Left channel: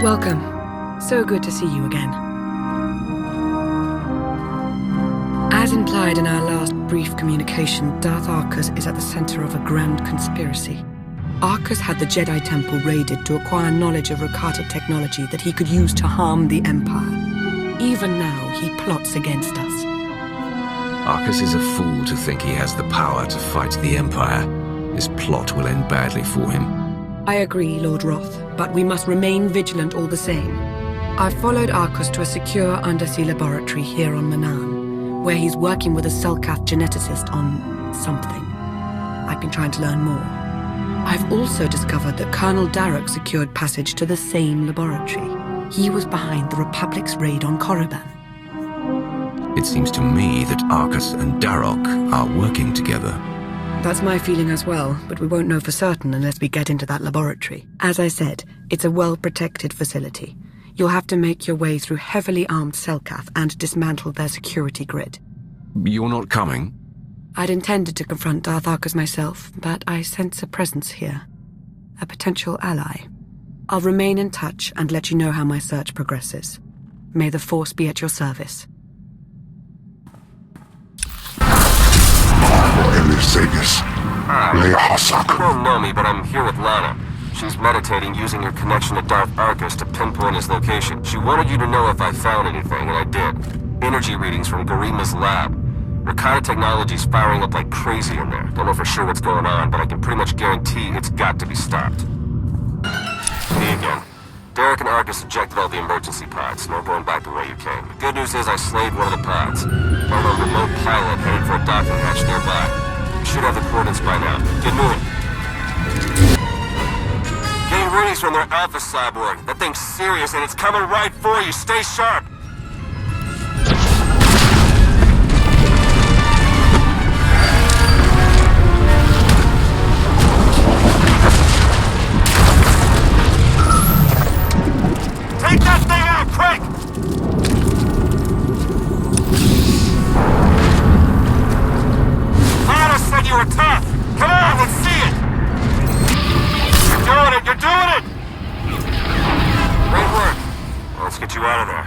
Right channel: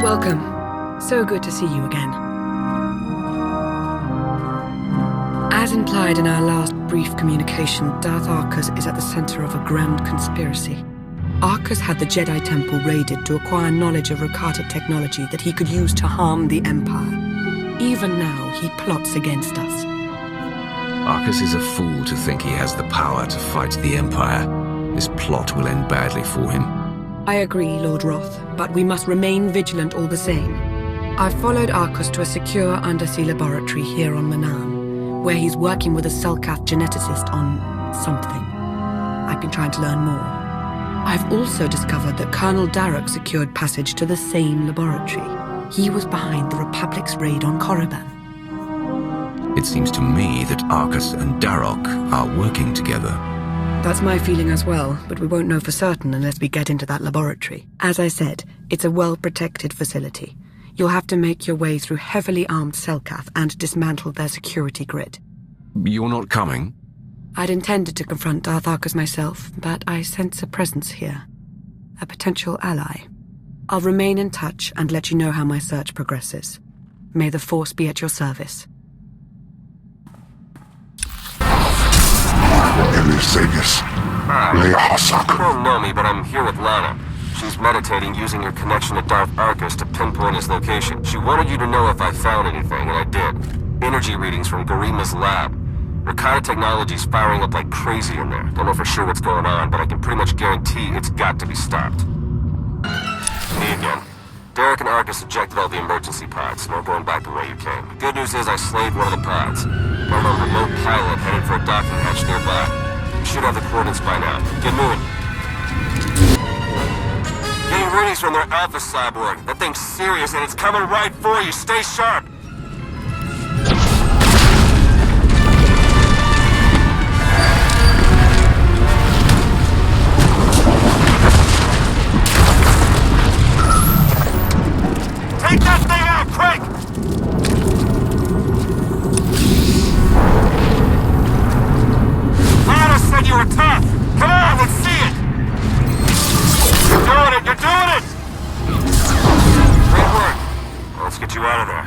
Welcome. So good to see you again. As implied in our last brief communication, Darth Arcus is at the center of a grand conspiracy. Arcus had the Jedi Temple raided to acquire knowledge of Rakata technology that he could use to harm the Empire. Even now, he plots against us. Arcus is a fool to think he has the power to fight the Empire. This plot will end badly for him. I agree, Lord Roth, but we must remain vigilant all the same. I've followed Arcus to a secure undersea laboratory here on Manaan, where he's working with a Selkath geneticist on something. I've been trying to learn more. I've also discovered that Colonel Darroch secured passage to the same laboratory. He was behind the Republic's raid on Korriban. It seems to me that Arcus and Darroch are working together. That's my feeling as well, but we won't know for certain unless we get into that laboratory. As I said, it's a well-protected facility. You'll have to make your way through heavily armed Selkath and dismantle their security grid. You're not coming? I'd intended to confront Darth Arcus myself, but I sense a presence here. A potential ally. I'll remain in touch and let you know how my search progresses. May the Force be at your service. You don't know me, but I'm here with Lana. She's meditating using your connection to Darth Arcus to pinpoint his location. She wanted you to know if I found anything, and I did. Energy readings from Garima's lab. Rakata technology's firing up like crazy in there. Don't know for sure what's going on, but I can pretty much guarantee it's got to be stopped. Me again. Derek and Arcus ejected all the emergency pods. No going back the way you came. The good news is I slaved one of the pods. Got on a remote pilot headed for a docking hatch nearby. You should have the coordinates by now. Get moving. Getting readings from their Alpha Cyborg. That thing's serious and it's coming right for you. Stay sharp. Take that thing out, quick! Lana said you were tough. Come on, let's see it. You're doing it, you're doing it! Great work. Well, let's get you out of there.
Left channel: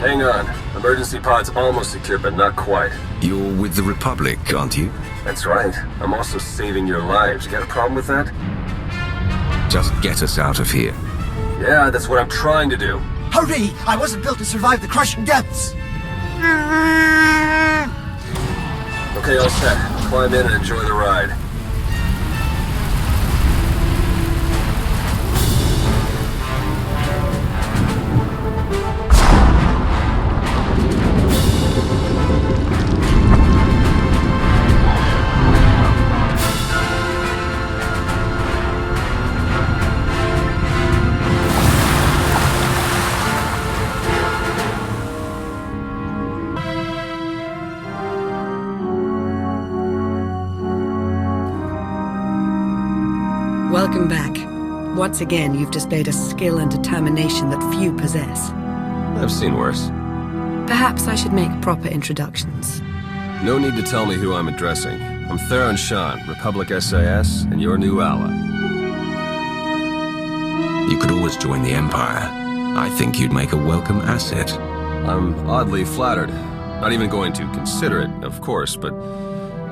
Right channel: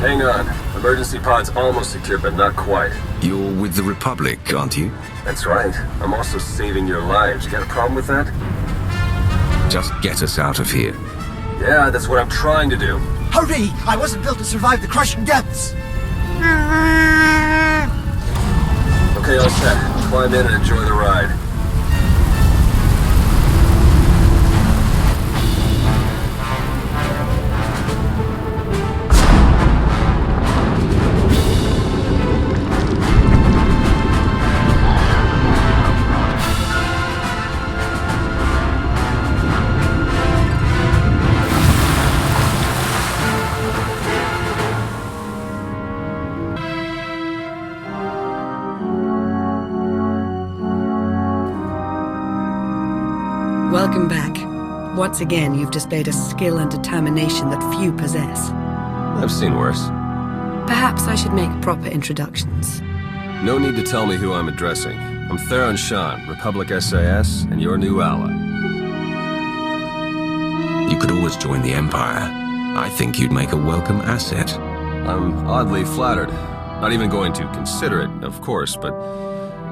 Hang on. Emergency pod's almost secure, but not quite. You're with the Republic, aren't you? That's right. I'm also saving your lives. You got a problem with that? Just get us out of here. Yeah, that's what I'm trying to do. Hurry! I wasn't built to survive the crushing depths! Okay, all set. Climb in and enjoy the ride. Welcome back. Once again, you've displayed a skill and determination that few possess. I've seen worse. Perhaps I should make proper introductions. No need to tell me who I'm addressing. I'm Theron Shan, Republic SAS, and your new ally. You could always join the Empire. I think you'd make a welcome asset. I'm oddly flattered. Not even going to consider it, of course, but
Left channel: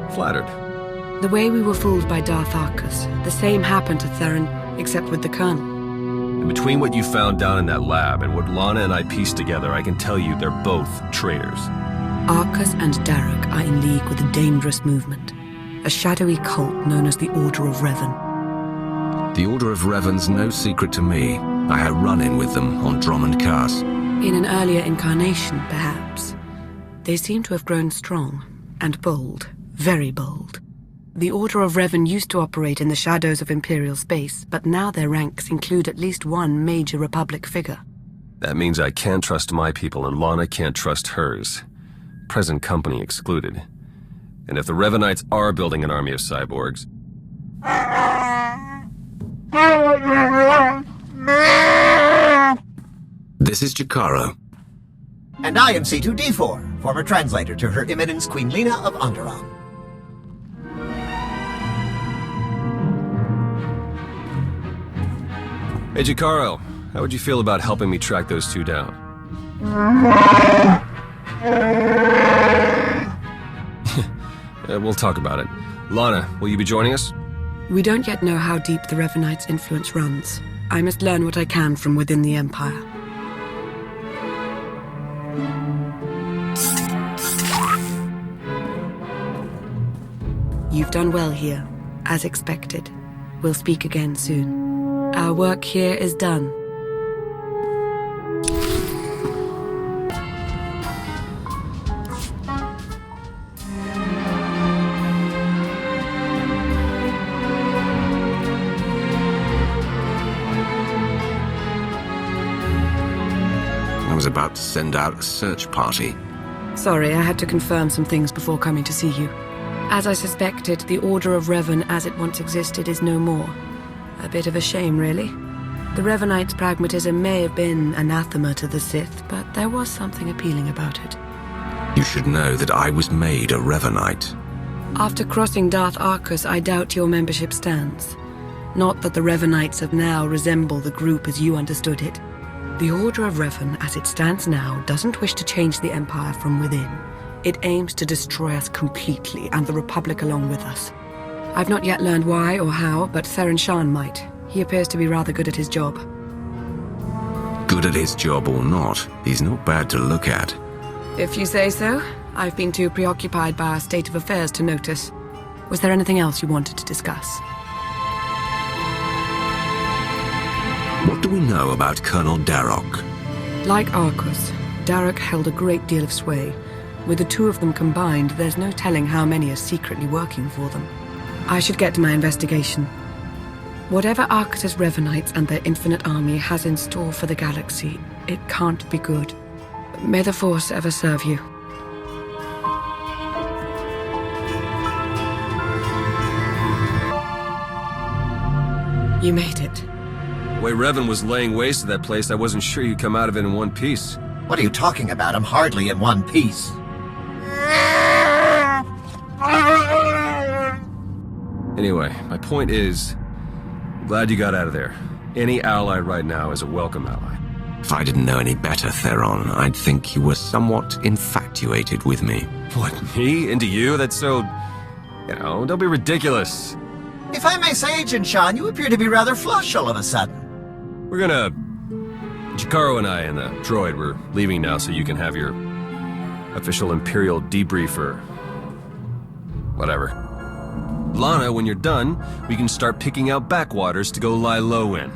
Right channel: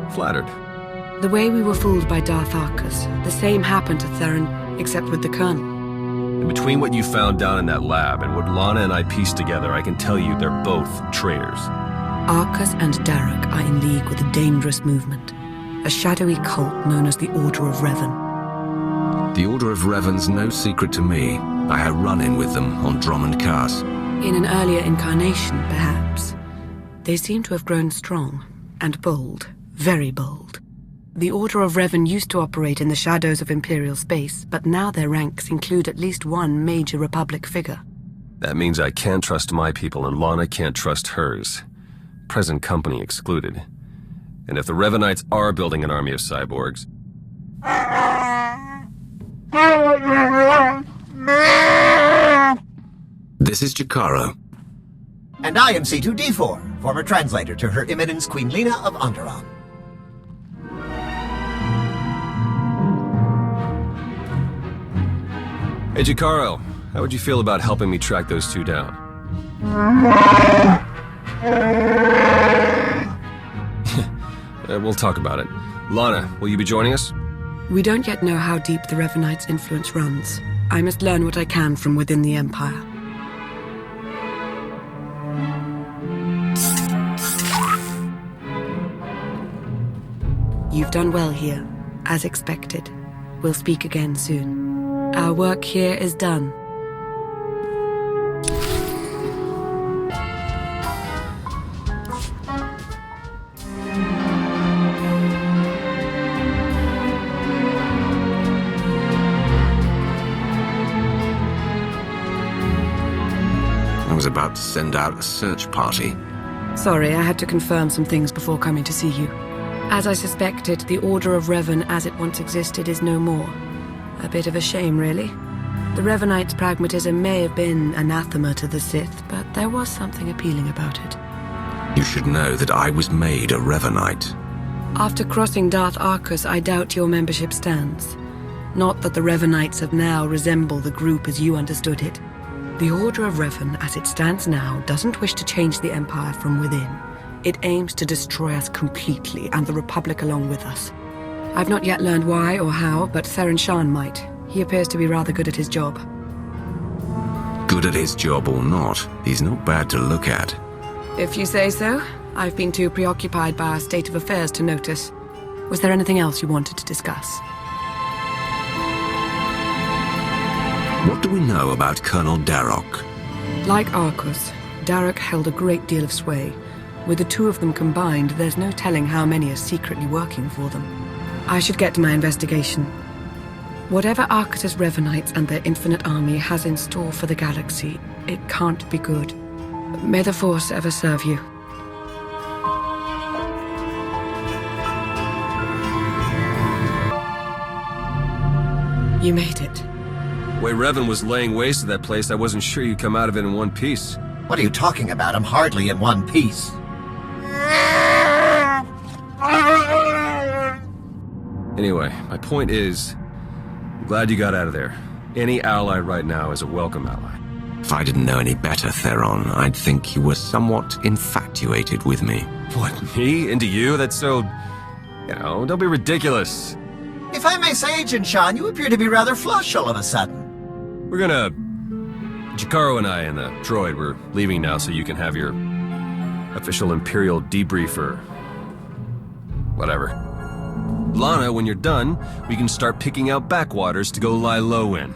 flattered. The way we were fooled by Darth Arcus, the same happened to Theron, except with the Colonel. And between what you found down in that lab and what Lana and I pieced together, I can tell you they're both traitors. Arcus and Darroch are in league with a dangerous movement, a shadowy cult known as the Order of Revan. The Order of Revan's no secret to me. I had a run-in with them on Drummond Cast. In an earlier incarnation, perhaps. They seem to have grown strong and bold, very bold. The Order of Revan used to operate in the shadows of Imperial space, but now their ranks include at least one major Republic figure. That means I can't trust my people and Lana can't trust hers. Present company excluded. And if the Revanites are building an army of cyborgs... This is Jakaro. And I am C2D4, former translator to Her Eminence Queen Lena of Onderon. Hey, Jakaro, how would you feel about helping me track those two down? We'll talk about it. Lana, will you be joining us? We don't yet know how deep the Revanites' influence runs. I must learn what I can from within the Empire. You've done well here, as expected. We'll speak again soon. Our work here is done. I was about to send out a search party. Sorry, I had to confirm some things before coming to see you. As I suspected, the Order of Revan as it once existed is no more. A bit of a shame, really. The Revanites' pragmatism may have been anathema to the Sith, but there was something appealing about it. You should know that I was made a Revanite. After crossing Darth Arcus, I doubt your membership stands. Not that the Revanites of now resemble the group as you understood it. The Order of Revan, as it stands now, doesn't wish to change the Empire from within. It aims to destroy us completely, and the Republic along with us. I've not yet learned why or how, but Theron Shan might. He appears to be rather good at his job. Good at his job or not, he's not bad to look at. If you say so. I've been too preoccupied by our state of affairs to notice. Was there anything else you wanted to discuss? What do we know about Colonel Darroch? Like Arcus, Darroch held a great deal of sway. With the two of them combined, there's no telling how many are secretly working for them. I should get to my investigation. Whatever Arcus's Revanites and their infinite army has in store for the galaxy, it can't be good. May the Force ever serve you. You made it. The way Revan was laying waste to that place, I wasn't sure you'd come out of it in one piece. What are you talking about? I'm hardly in one piece. Anyway, my point is, I'm glad you got out of there. Any ally right now is a welcome ally. If I didn't know any better, Theron, I'd think you were somewhat infatuated with me. What, me? Into you? That's so... don't be ridiculous. If I may say, Agent Shan, you appear to be rather flush all of a sudden. We're gonna... Jakaro and I and the droid, we're leaving now so you can have your official Imperial debriefer. Whatever. Lana, when you're done, we can start picking out backwaters to go lie low in.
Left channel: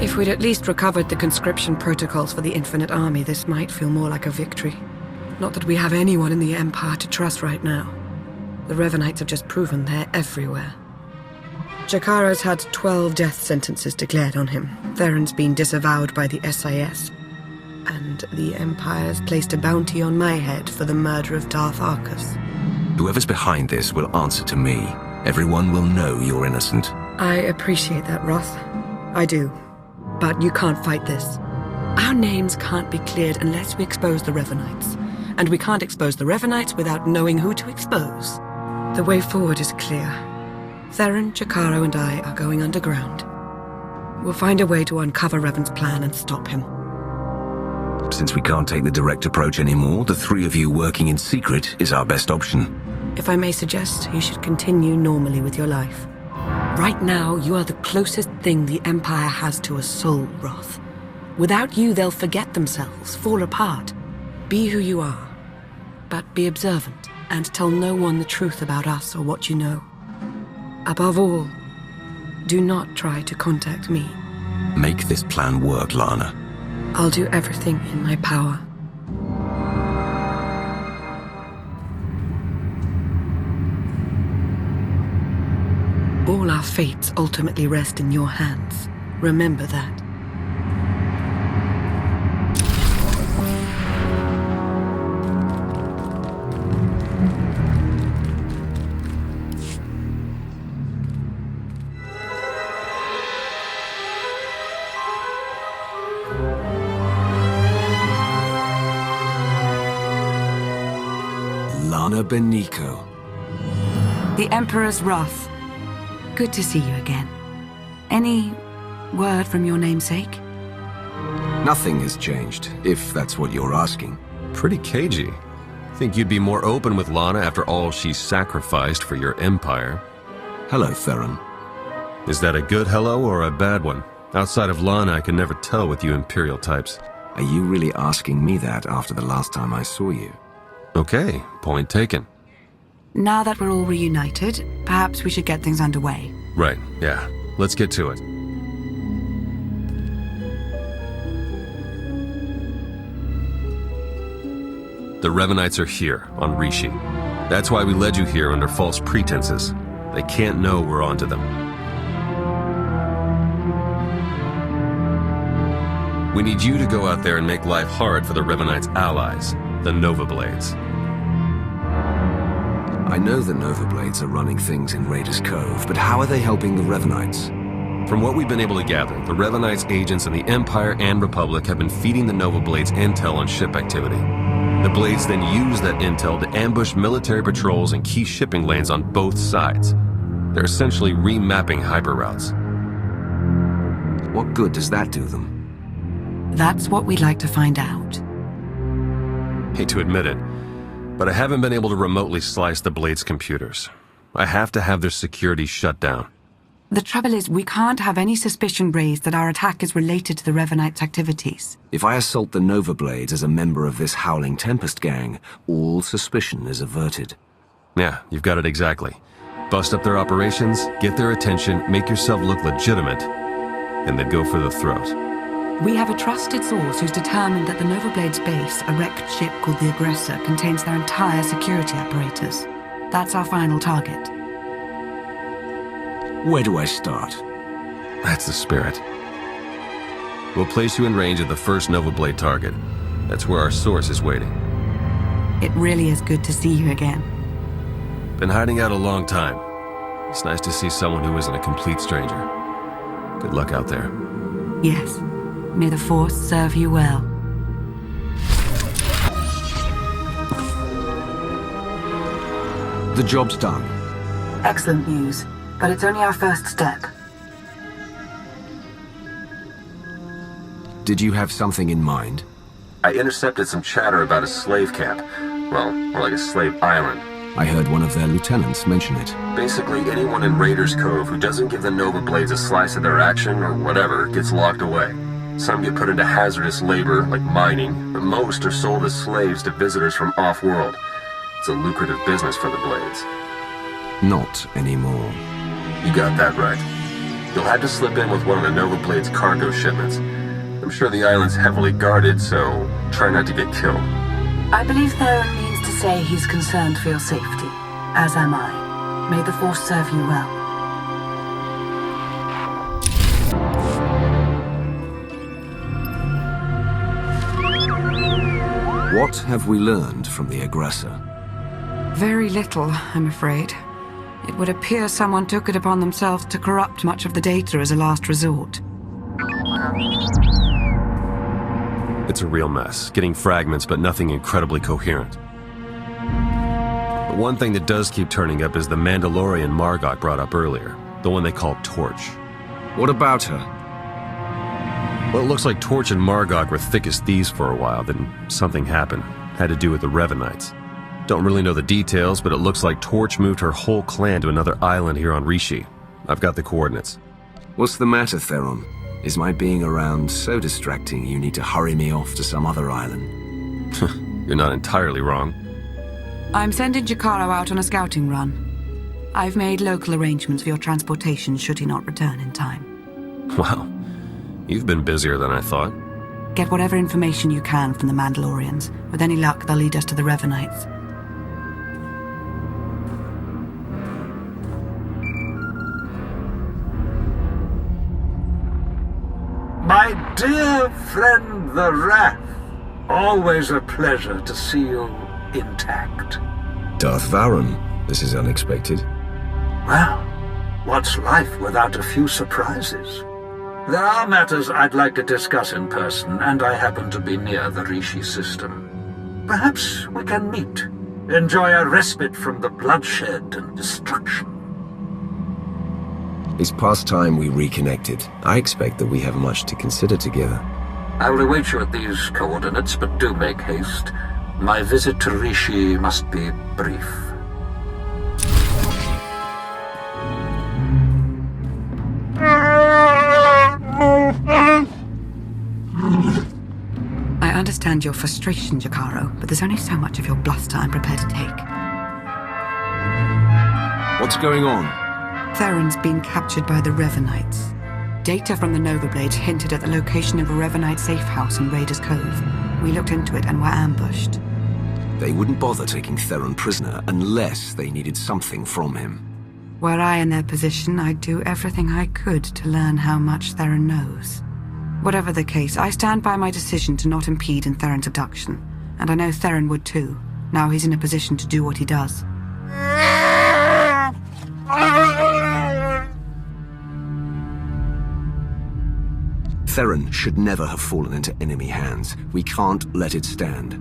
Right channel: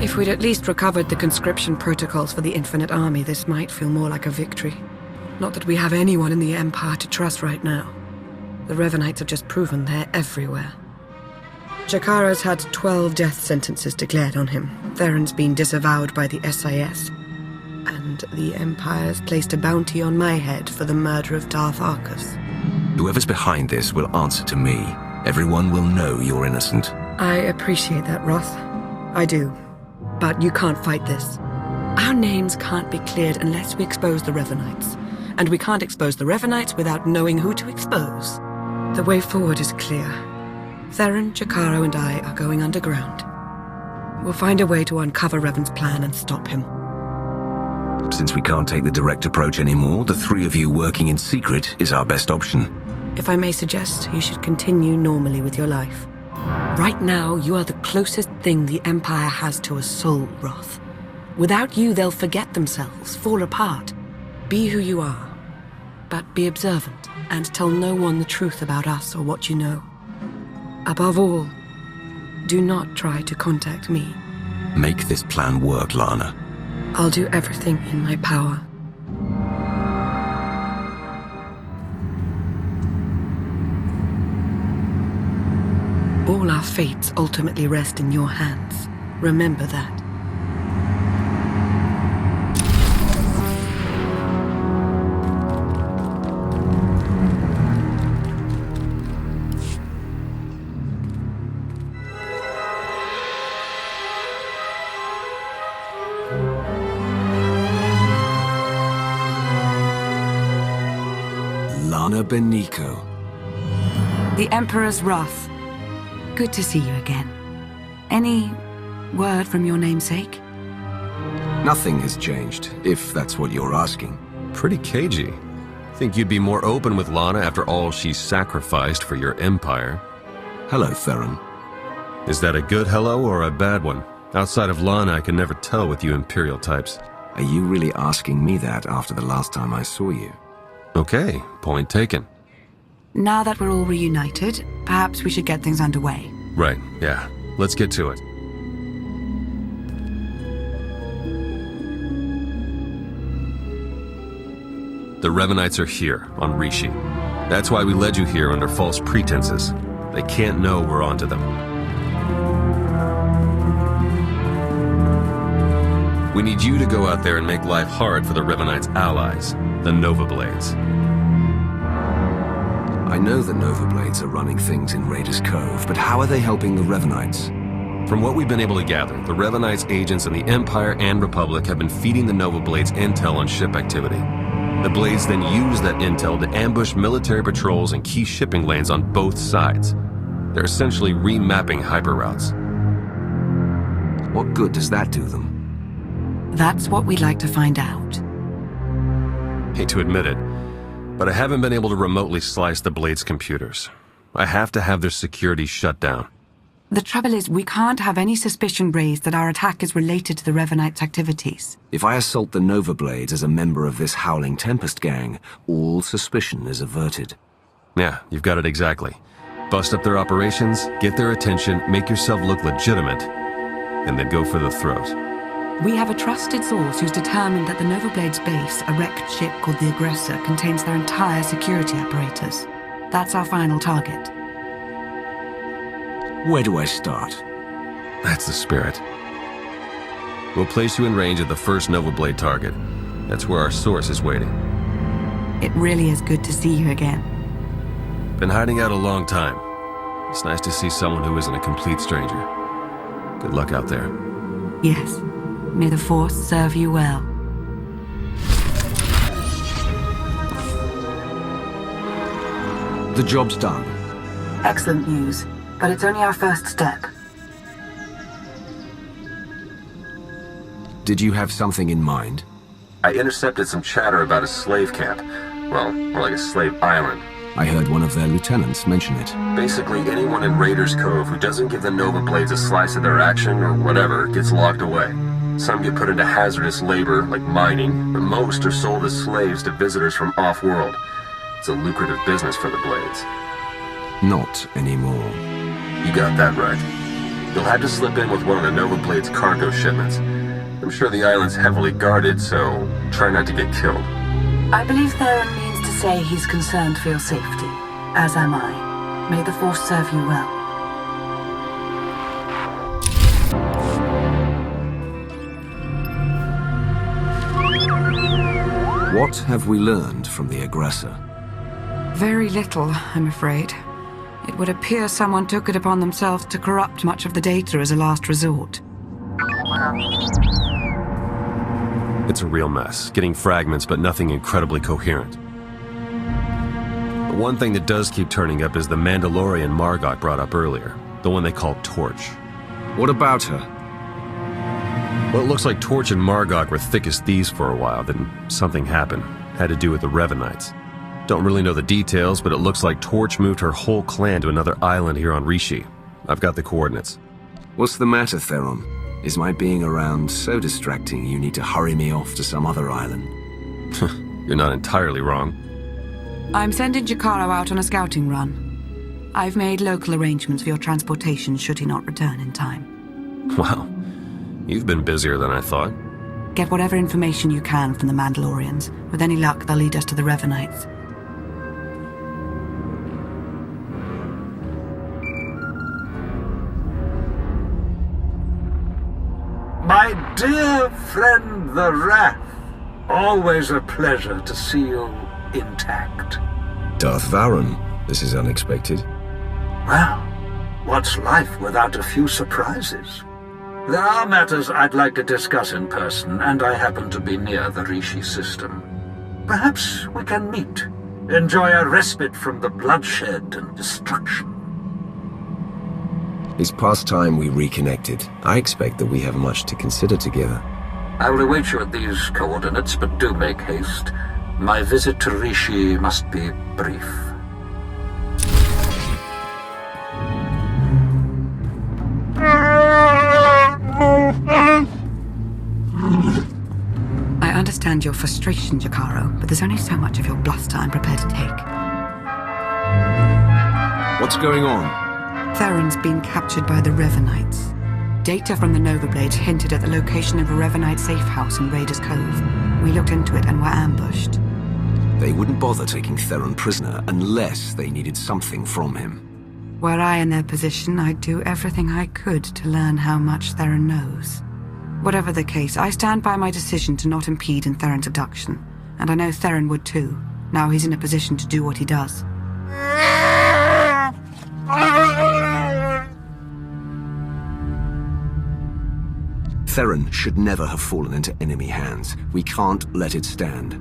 If we'd at least recovered the conscription protocols for the Infinite Army, this might feel more like a victory. Not that we have anyone in the Empire to trust right now. The Revanites have just proven they're everywhere. Jakaro's had 12 death sentences declared on him. Theron's been disavowed by the SIS. And the Empire's placed a bounty on my head for the murder of Darth Arcus. Whoever's behind this will answer to me. Everyone will know you're innocent. I appreciate that, Roth. I do. But you can't fight this. Our names can't be cleared unless we expose the Revanites. And we can't expose the Revanites without knowing who to expose. The way forward is clear. Theron, Jakaro, and I are going underground. We'll find a way to uncover Revan's plan and stop him. Since we can't take the direct approach anymore, the three of you working in secret is our best option. If I may suggest, you should continue normally with your life. Right now, you are the closest thing the Empire has to a soul, Roth. Without you, they'll forget themselves, fall apart. Be who you are, but be observant and tell no one the truth about us or what you know. Above all, do not try to contact me. Make this plan work, Lana. I'll do everything in my power. All our fates ultimately rest in your hands. Remember that. Lana Beniko. The Emperor's wrath. Good to see you again. Any word from your namesake? Nothing has changed, if that's what you're asking. Pretty cagey. Think you'd be more open with Lana after all she sacrificed for your empire. Hello, Theron. Is that a good hello or a bad one? Outside of Lana, I can never tell with you Imperial types. Are you really asking me that after the last time I saw you? Okay, point taken. Now that we're all reunited, perhaps we should get things underway. Right, yeah. Let's get to it. The Revanites are here, on Rishi. That's why we led you here under false pretenses. They can't know we're onto them. We need you to go out there and make life hard for the Revanites' allies, the Nova Blades. I know the Nova Blades are running things in Raiders Cove, but how are they helping the Revanites? From what we've been able to gather, the Revanites' agents in the Empire and Republic have been feeding the Nova Blades intel on ship activity. The Blades then use that intel to ambush military patrols and key shipping lanes on both sides. They're essentially remapping hyperroutes. What good does that do them? That's what we'd like to find out. Hate to admit it, but I haven't been able to remotely slice the Blades' computers. I have to have their security shut down. The trouble is, we can't have any suspicion raised that our attack is related to the Revanites' activities. If I assault the Nova Blades as a member of this Howling Tempest gang, all suspicion is averted. Yeah, you've got it exactly. Bust up their operations, get their attention, make yourself look legitimate, and then go for the throat. We have a trusted source who's determined that the Nova Blades base, a wrecked ship called the Aggressor, contains their entire security apparatus. That's our final target. Where do I start? That's the spirit. We'll place you in range of the first Nova Blade target. That's where our source is waiting. It really is good to see you again. Been hiding out a long time. It's nice to see someone who isn't a complete stranger. Good luck out there. Yes. May the Force serve you well. The job's done. Excellent news, but it's only our first step. Did you have something in mind? I intercepted some chatter about a slave camp. Well, more like a slave island. I heard one of their lieutenants mention it. Basically, anyone in Raiders Cove who doesn't give the Nova Blades a slice of their action or whatever gets locked away. Some get put into hazardous labor, like mining, but most are sold as slaves to visitors from off-world. It's a lucrative business for the Blades. Not anymore. You got that right. You'll have to slip in with one of the Nova Blades' cargo shipments. I'm sure the island's heavily guarded, so try not to get killed. I believe Theron means to say he's concerned for your safety, as am I. May the Force serve you well. What have we learned from the Aggressor? Very little, I'm afraid. It would appear someone took it upon themselves to corrupt much of the data as a last resort. It's a real mess, getting fragments but nothing incredibly coherent. The one thing that does keep turning up is the Mandalorian Margok brought up earlier, the one they call Torch. What about her? Well, it looks like Torch and Margok were thick as thieves for a while, then something happened. Had to do with the Revanites. Don't really know the details, but it looks like Torch moved her whole clan to another island here on Rishi. I've got the coordinates. What's the matter, Theron? Is my being around so distracting you need to hurry me off to some other island? You're not entirely wrong. I'm sending Jakaro out on a scouting run. I've made local arrangements for your transportation should he not return in time. Wow. You've been busier than I thought. Get whatever information you can from the Mandalorians. With any luck, they'll lead us to the Revanites. My dear friend the Wrath, always a pleasure to see you intact. Darth Varon, this is unexpected. Well, what's life without a few surprises? There are matters I'd like to discuss in person, and I happen to be near the Rishi system. Perhaps we can meet, enjoy a respite from the bloodshed and destruction. It's past time we reconnected. I expect that we have much to consider together. I will await you at these coordinates, but do make haste. My visit to Rishi must be brief. I understand your frustration, Jakaro, but there's only so much of your bluster I'm prepared to take. What's going on? Theron's been captured by the Revanites. Data from the Nova Blades hinted at the location of a Revanite safe house in Raiders Cove. We looked into it and were ambushed. They wouldn't bother taking Theron prisoner unless they needed something from him. Were I in their position, I'd do everything I could to learn how much Theron knows. Whatever the case, I stand by my decision to not impede in Theron's abduction. And I know Theron would too. Now he's in a position to do what he does. Theron should never have fallen into enemy hands. We can't let it stand.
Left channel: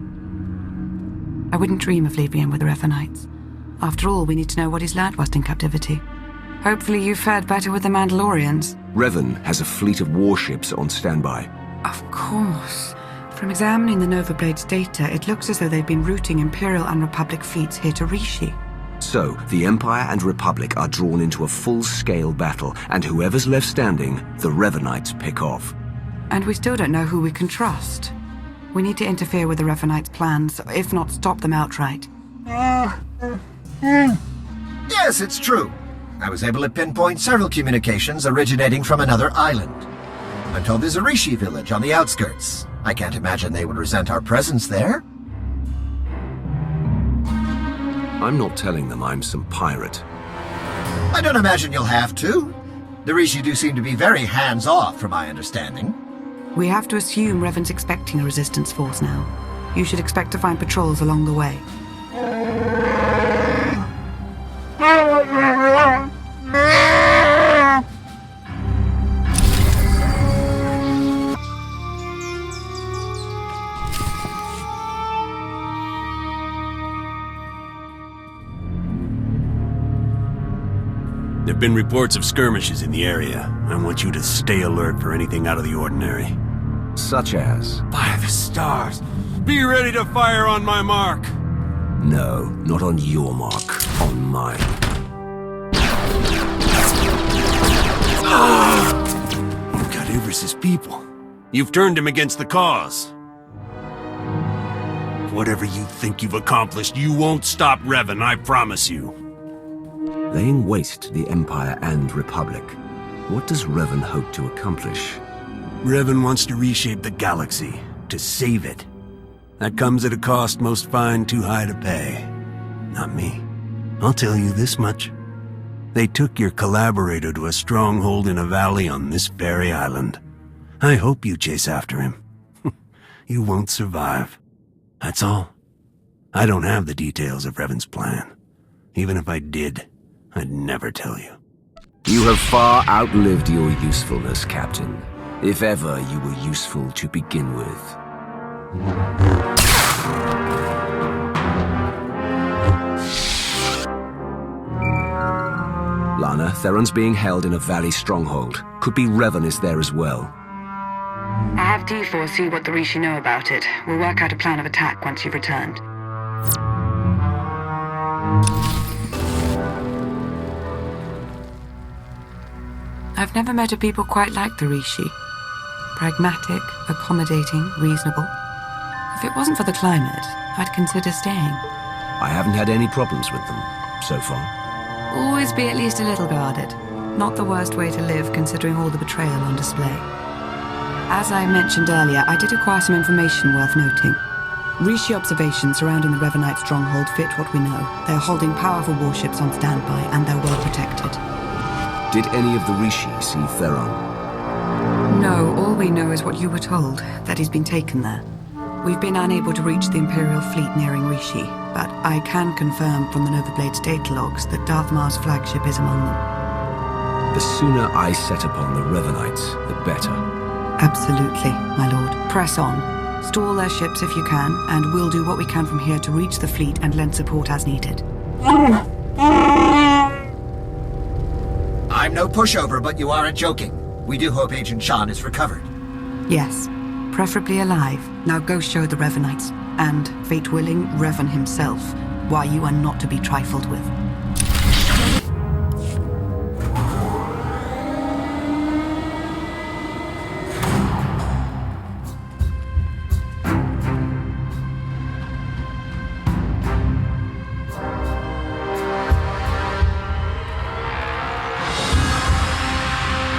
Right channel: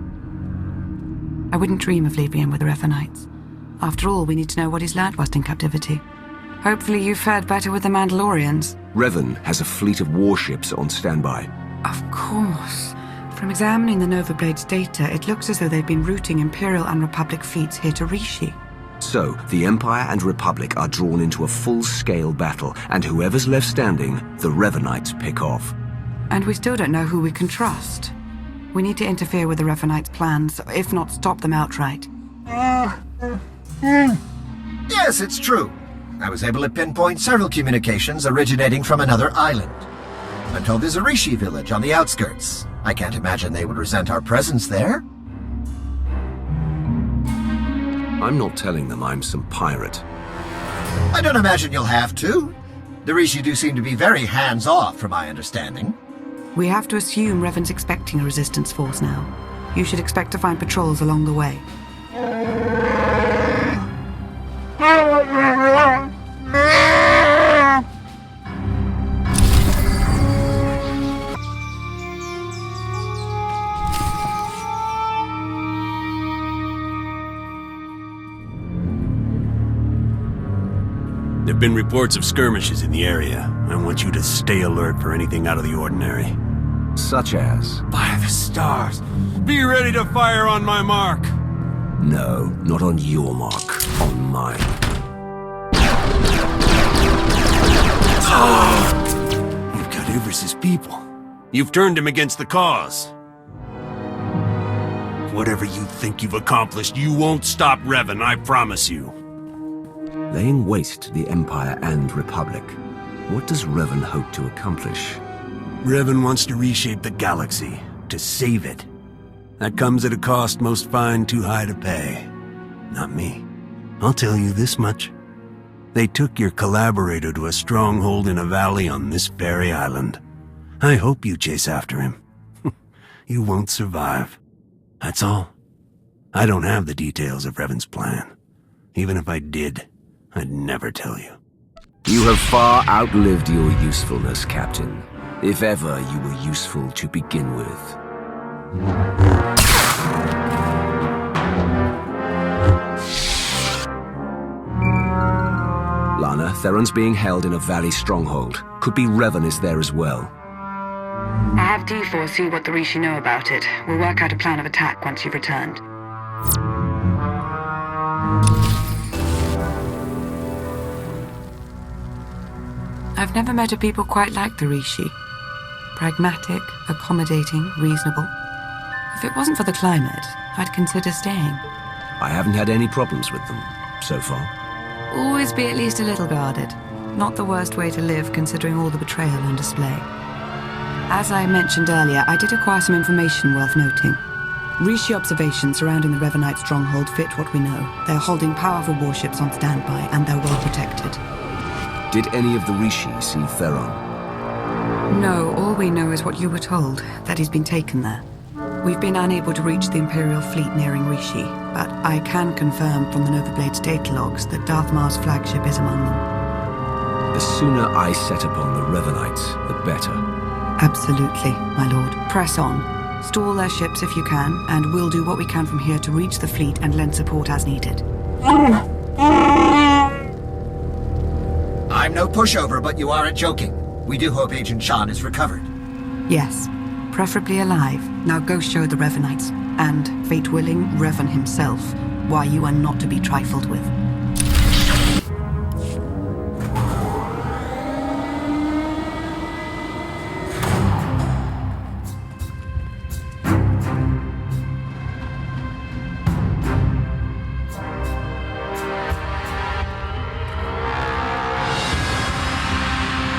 I wouldn't dream of leaving him with the Revanites. After all, we need to know what he's learned whilst in captivity. Hopefully you fared better with the Mandalorians. Revan has a fleet of warships on standby. Of course. From examining the Nova Blades data, it looks as though they've been routing Imperial and Republic fleets here to Rishi. So, the Empire and Republic are drawn into a full-scale battle, and whoever's left standing, the Revanites pick off. And we still don't know who we can trust. We need to interfere with the Revanites' plans, if not stop them outright. Yes, it's true. I was able to pinpoint several communications originating from another island. I'm told there's a Rishi village on the outskirts. I can't imagine they would resent our presence there. I'm not telling them I'm some pirate. I don't imagine you'll have to. The Rishi do seem to be very hands-off, from my understanding. We have to assume Revan's expecting a resistance force now. You should expect to find patrols along the way. There've been reports of skirmishes in the area. I want you to stay alert for anything out of the ordinary. Such as? By the stars! Be ready to fire on my mark! No, not on your mark. On mine. You've got Ivris's people. You've turned him against the cause. Whatever you think you've accomplished, you won't stop Revan, I promise you. Laying waste to the Empire and Republic. What does Revan hope to accomplish? Revan wants to reshape the galaxy, to save it. That comes at a cost most find too high to pay. Not me. I'll tell you this much. They took your collaborator to a stronghold in a valley on this very island. I hope you chase after him. You won't survive. That's all. I don't have the details of Revan's plan. Even if I did, I'd never tell you. You have far outlived your usefulness, Captain. If ever you were useful to begin with. Lana, Theron's being held in a valley stronghold. Could be Revan is there as well. I have D4 see what the Rishi know about it. We'll work out a plan of attack once you've returned. I've never met a people quite like the Rishi. Pragmatic, accommodating, reasonable. If it wasn't for the climate, I'd consider staying. I haven't had any problems with them, so far. Always be at least a little guarded. Not the worst way to live, considering all the betrayal on display. As I mentioned earlier, I did acquire some information worth noting. Rishi observations surrounding the Revanite stronghold fit what we know. They're holding powerful warships on standby, and they're well protected. Did any of the Rishi see Theron? No, all we know is what you were told, that he's been taken there. We've been unable to reach the Imperial fleet nearing Rishi, but I can confirm from the Novablade's data logs that Darth Mar's flagship is among them. The sooner I set upon the Revanites, the better. Absolutely, my lord. Press on. Stall their ships if you can, and we'll do what we can from here to reach the fleet and lend support as needed. I'm no pushover, but you aren't joking. We do hope Agent Shan is recovered. Yes, preferably alive. Now go show the Revanites, and, fate willing, Revan himself, why you are not to be trifled with.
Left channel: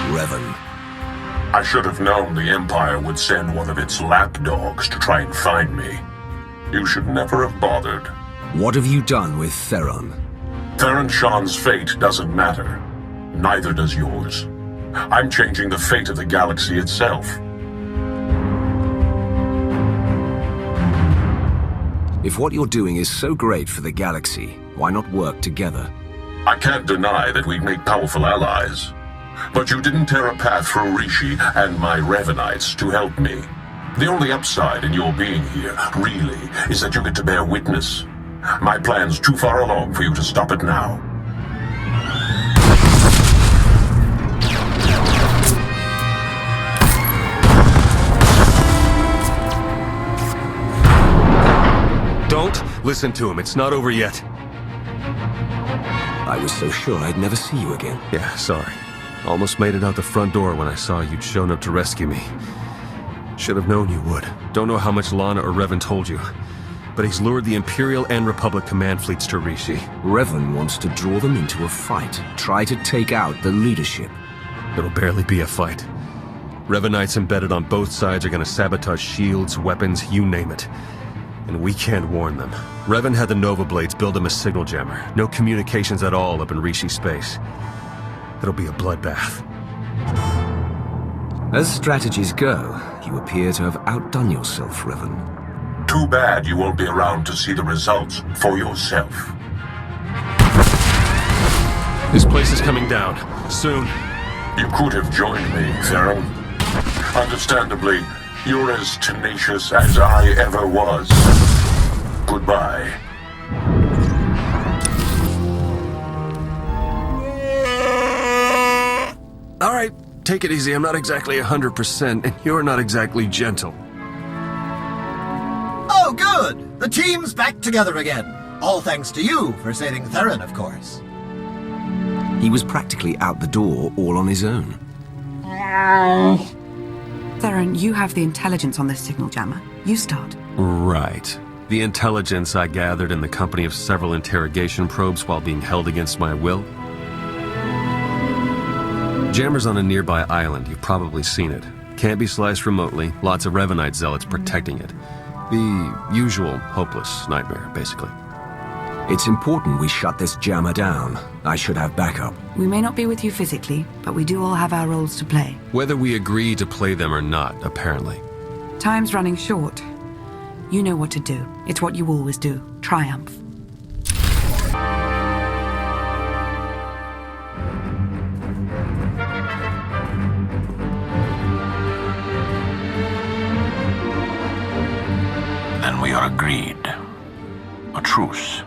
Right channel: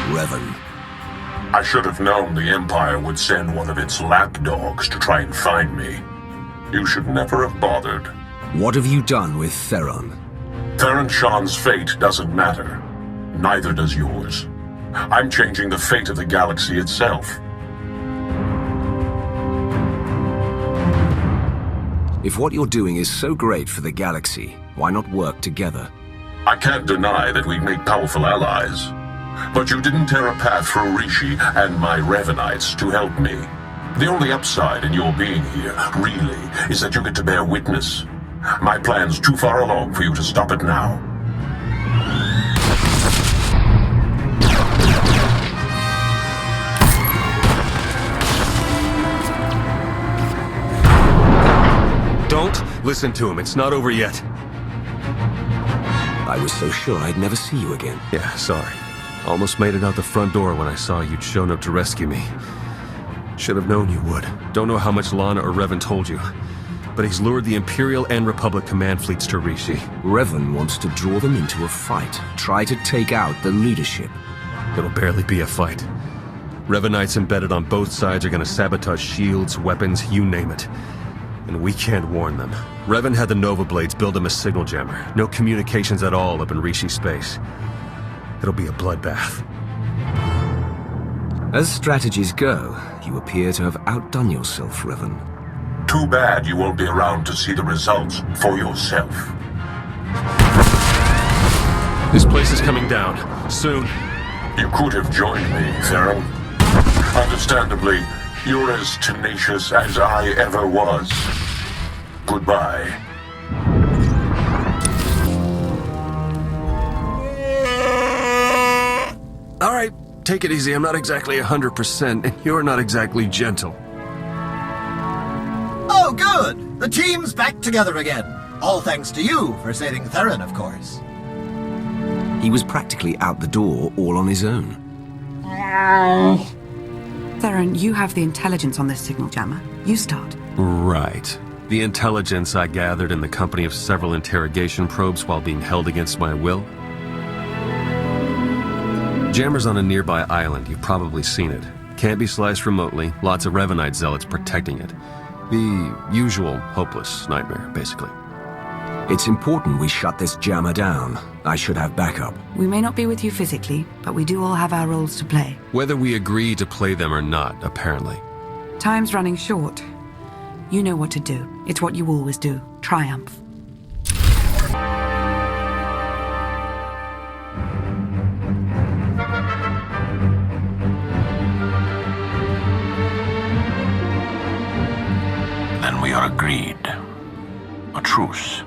Revan. I should have known the Empire would send one of its lapdogs to try and find me. You should never have bothered. What have you done with Theron? Theron Shan's fate doesn't matter. Neither does yours. I'm changing the fate of the galaxy itself. If what you're doing is so great for the galaxy, why not work together? I can't deny that we'd make powerful allies. But you didn't tear a path through Rishi and my Revanites to help me. The only upside in your being here, really, is that you get to bear witness. My plan's too far along for you to stop it now. Don't listen to him. It's not over yet. I was so sure I'd never see you again. Yeah, sorry. Almost made it out the front door when I saw you'd shown up to rescue me. Should have known you would. Don't know how much Lana or Revan told you, but he's lured the Imperial and Republic command fleets to Rishi. Revan wants to draw them into a fight. Try to take out the leadership. It'll barely be a fight. Revanites embedded on both sides are gonna sabotage shields, weapons, you name it. And we can't warn them. Revan had the Nova Blades build him a signal jammer. No communications at all up in Rishi space. It'll be a bloodbath. As strategies go, you appear to have outdone yourself, Revan. Too bad you won't be around to see the results for yourself. This place is coming down. Soon. You could have joined me, Theron. Understandably, you're as tenacious as I ever was. Goodbye. All right, take it easy. I'm not exactly 100%, and you're not exactly gentle. Oh, good! The team's back together again. All thanks to you for saving Theron, of course. He was practically out the door all on his own. Theron, you have the intelligence on this signal jammer. You start. Right. The intelligence I gathered in the company of several interrogation probes while being held against my will. Jammer's on a nearby island. You've probably seen it. Can't be sliced remotely. Lots of Revanite zealots protecting it. The usual hopeless nightmare, basically. It's important we shut this jammer down. I should have backup. We may not be with you physically, but we do all have our roles to play. Whether we agree to play them or not, apparently. Time's running short. You know what to do. It's what you always do. Triumph. Then we are agreed. A truce.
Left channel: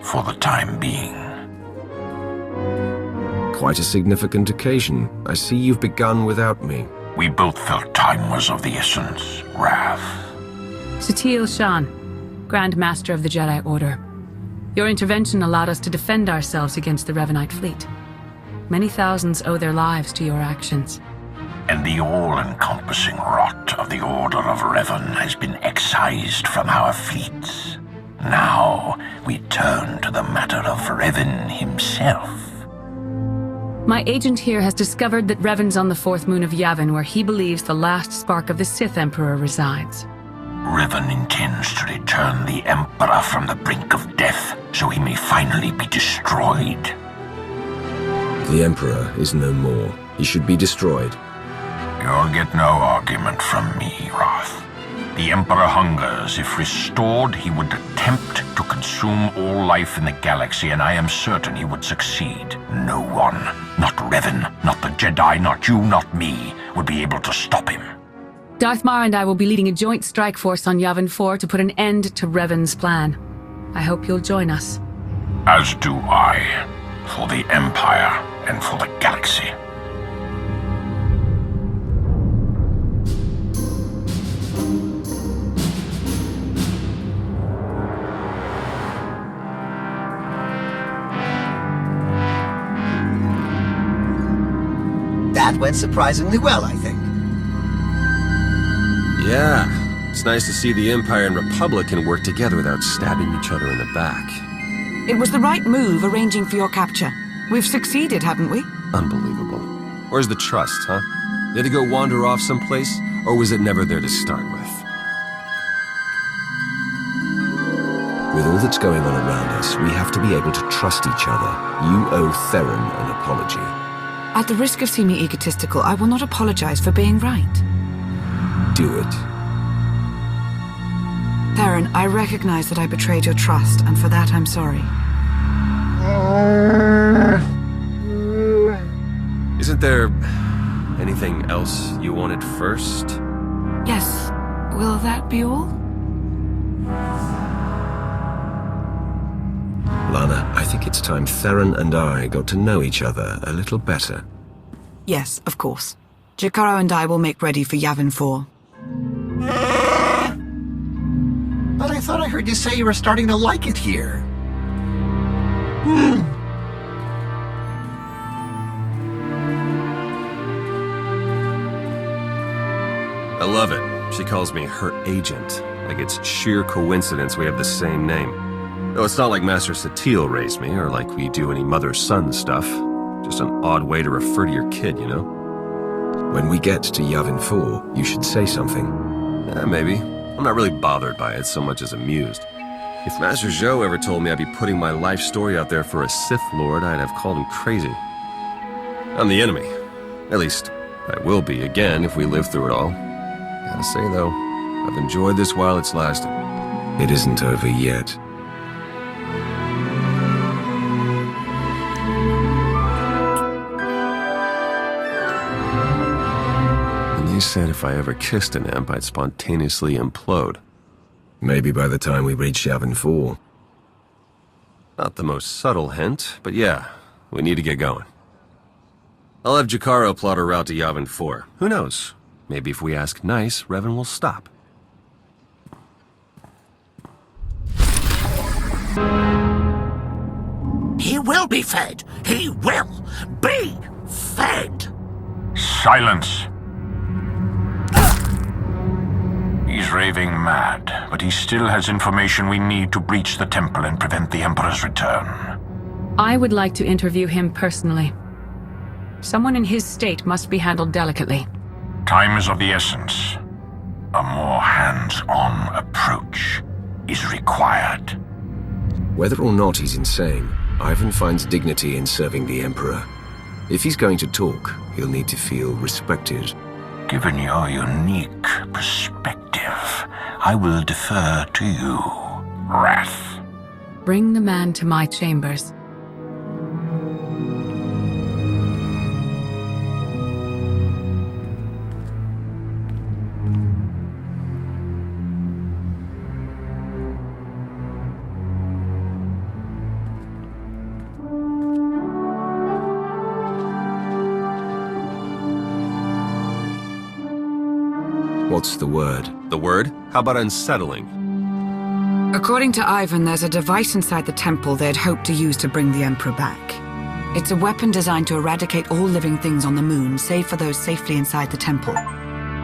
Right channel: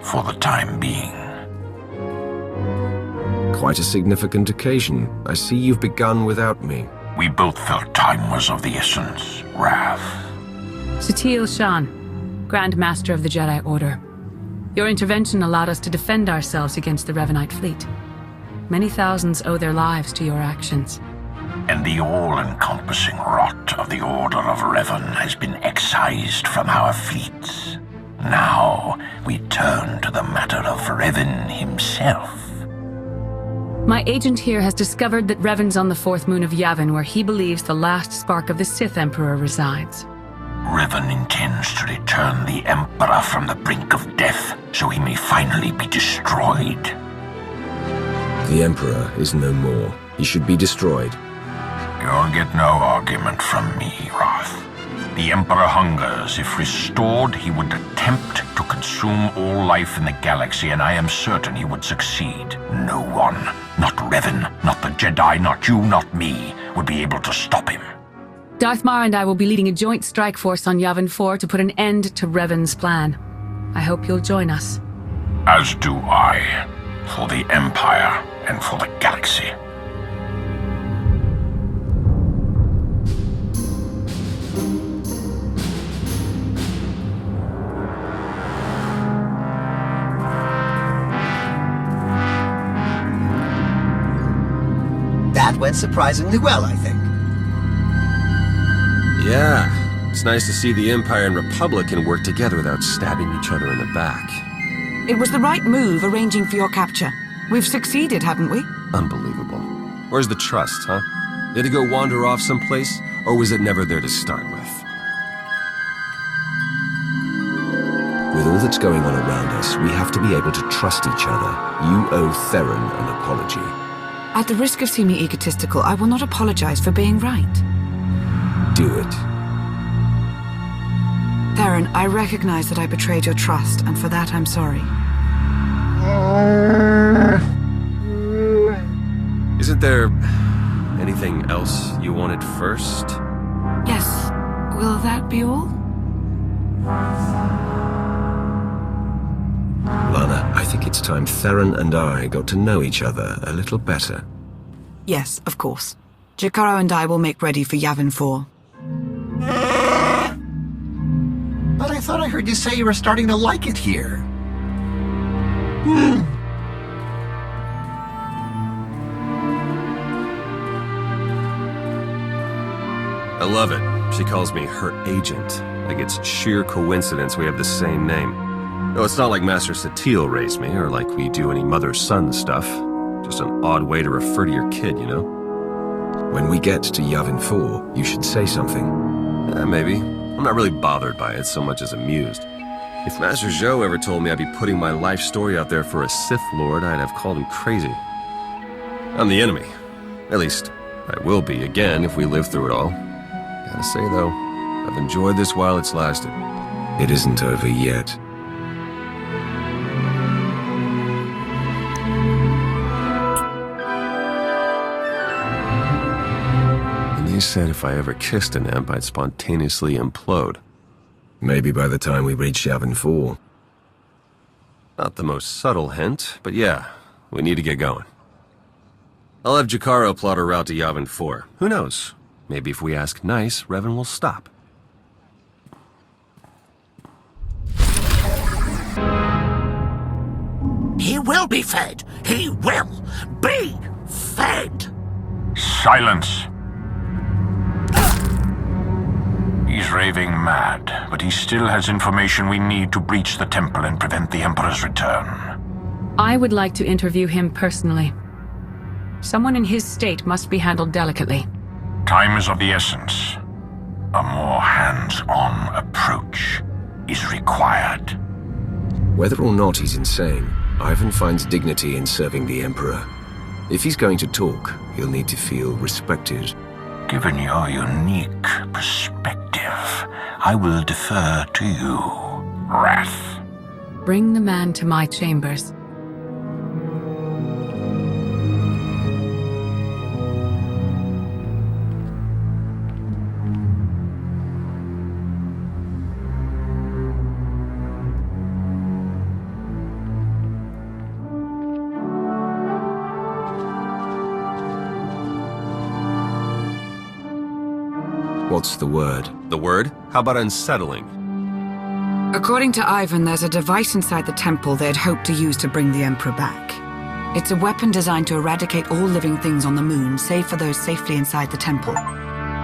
For the time being. Quite a significant occasion. I see you've begun without me. We both felt time was of the essence, Wrath. Theron Shan, Grand Master of the Jedi Order. Your intervention allowed us to defend ourselves against the Revanite fleet. Many thousands owe their lives to your actions. And the all-encompassing rot of the Order of Revan has been excised from our fleets. Now, we turn to the matter of Revan himself. My agent here has discovered that Revan's on the fourth moon of Yavin, where he believes the last spark of the Sith Emperor resides. Revan intends to return the Emperor from the brink of death, so he may finally be destroyed. The Emperor is no more. He should be destroyed. You'll get no argument from me, Roth. The Emperor hungers. If restored, he would attempt to consume all life in the galaxy, and I am certain he would succeed. No one, not Revan, not the Jedi, not you, not me, would be able to stop him. Darth Mar and I will be leading a joint strike force on Yavin 4 to put an end to Revan's plan. I hope you'll join us. As do I. For the Empire and for the galaxy. That went surprisingly well, I think. Yeah, it's nice to see the Empire and Republic can work together without stabbing each other in the back. It was the right move arranging for your capture. We've succeeded, haven't we? Unbelievable. Where's the trust, huh? Did it go wander off someplace, or was it never there to start with? With all that's going on around us, we have to be able to trust each other. You owe Theron an apology. At the risk of seeming egotistical, I will not apologize for being right. Do it. Theron, I recognize that I betrayed your trust, and for that I'm sorry. Isn't there anything else you wanted first? Yes. Will that be all? Lana, I think it's time Theron and I got to know each other a little better. Yes, of course. Jakaro and I will make ready for Yavin 4. But I thought I heard you say you were starting to like it here. I love it. She calls me her agent. Like it's sheer coincidence we have the same name. Though it's not like Master SWTOR raised me, or like we do any mother-son stuff. Just an odd way to refer to your kid, you know? When we get to Yavin 4, you should say something. Maybe. I'm not really bothered by it so much as amused. If Master Zhou ever told me I'd be putting my life story out there for a Sith Lord, I'd have called him crazy. I'm the enemy. At least, I will be again if we live through it all. Gotta say, though, I've enjoyed this while it's lasted. It isn't over yet. And they said if I ever kissed an imp, I'd spontaneously implode. Maybe by the time we reach Yavin 4. Not the most subtle hint, but yeah, we need to get going. I'll have Jakaro plot a route to Yavin 4. Who knows? Maybe if we ask nice, Revan will stop. He will be fed. He will be fed. Silence. He's raving mad, but he still has information we need to breach the temple and prevent the Emperor's return. I would like to interview him personally. Someone in his state must be handled delicately. Time is of the essence. A more hands-on approach is required. Whether or not he's insane, Ivan finds dignity in serving the Emperor. If he's going to talk, he'll need to feel respected. Given your unique perspective, I will defer to you, Wrath. Bring the man to my chambers. What's the word? The word? How about unsettling? According to Ivan, there's a device inside the temple they'd hoped to use to bring the Emperor back. It's a weapon designed to eradicate all living things on the moon, save for those safely inside the temple.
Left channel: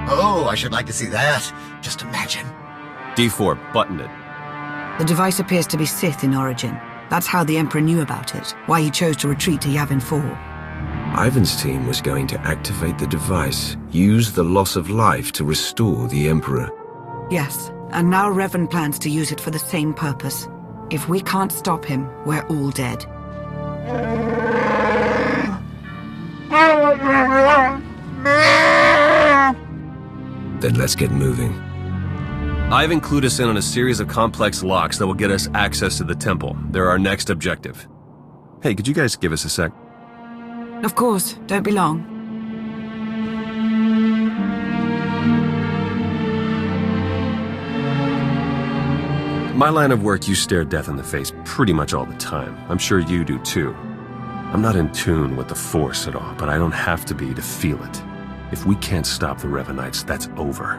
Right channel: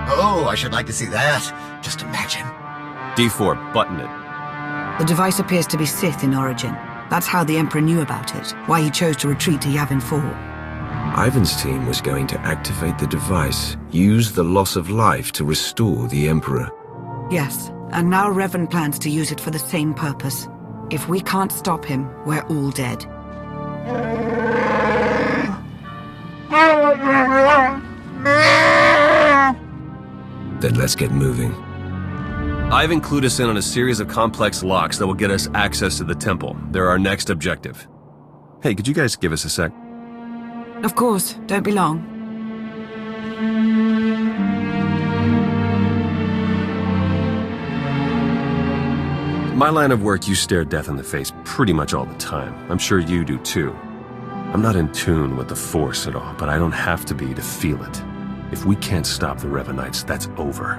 Oh, I should like to see that. Just imagine. D4, button it. The device appears to be Sith in origin. That's how the Emperor knew about it, why he chose to retreat to Yavin 4. Ivan's team was going to activate the device, use the loss of life to restore the Emperor. Yes, and now Revan plans to use it for the same purpose. If we can't stop him, we're all dead. Then let's get moving. I've included us in on a series of complex locks that will get us access to the temple. They're our next objective. Hey, could you guys give us a sec? Of course, don't be long. My line of work, you stare death in the face pretty much all the time. I'm sure you do too. I'm not in tune with the Force at all, but I don't have to be to feel it. If we can't stop the Revanites, that's over.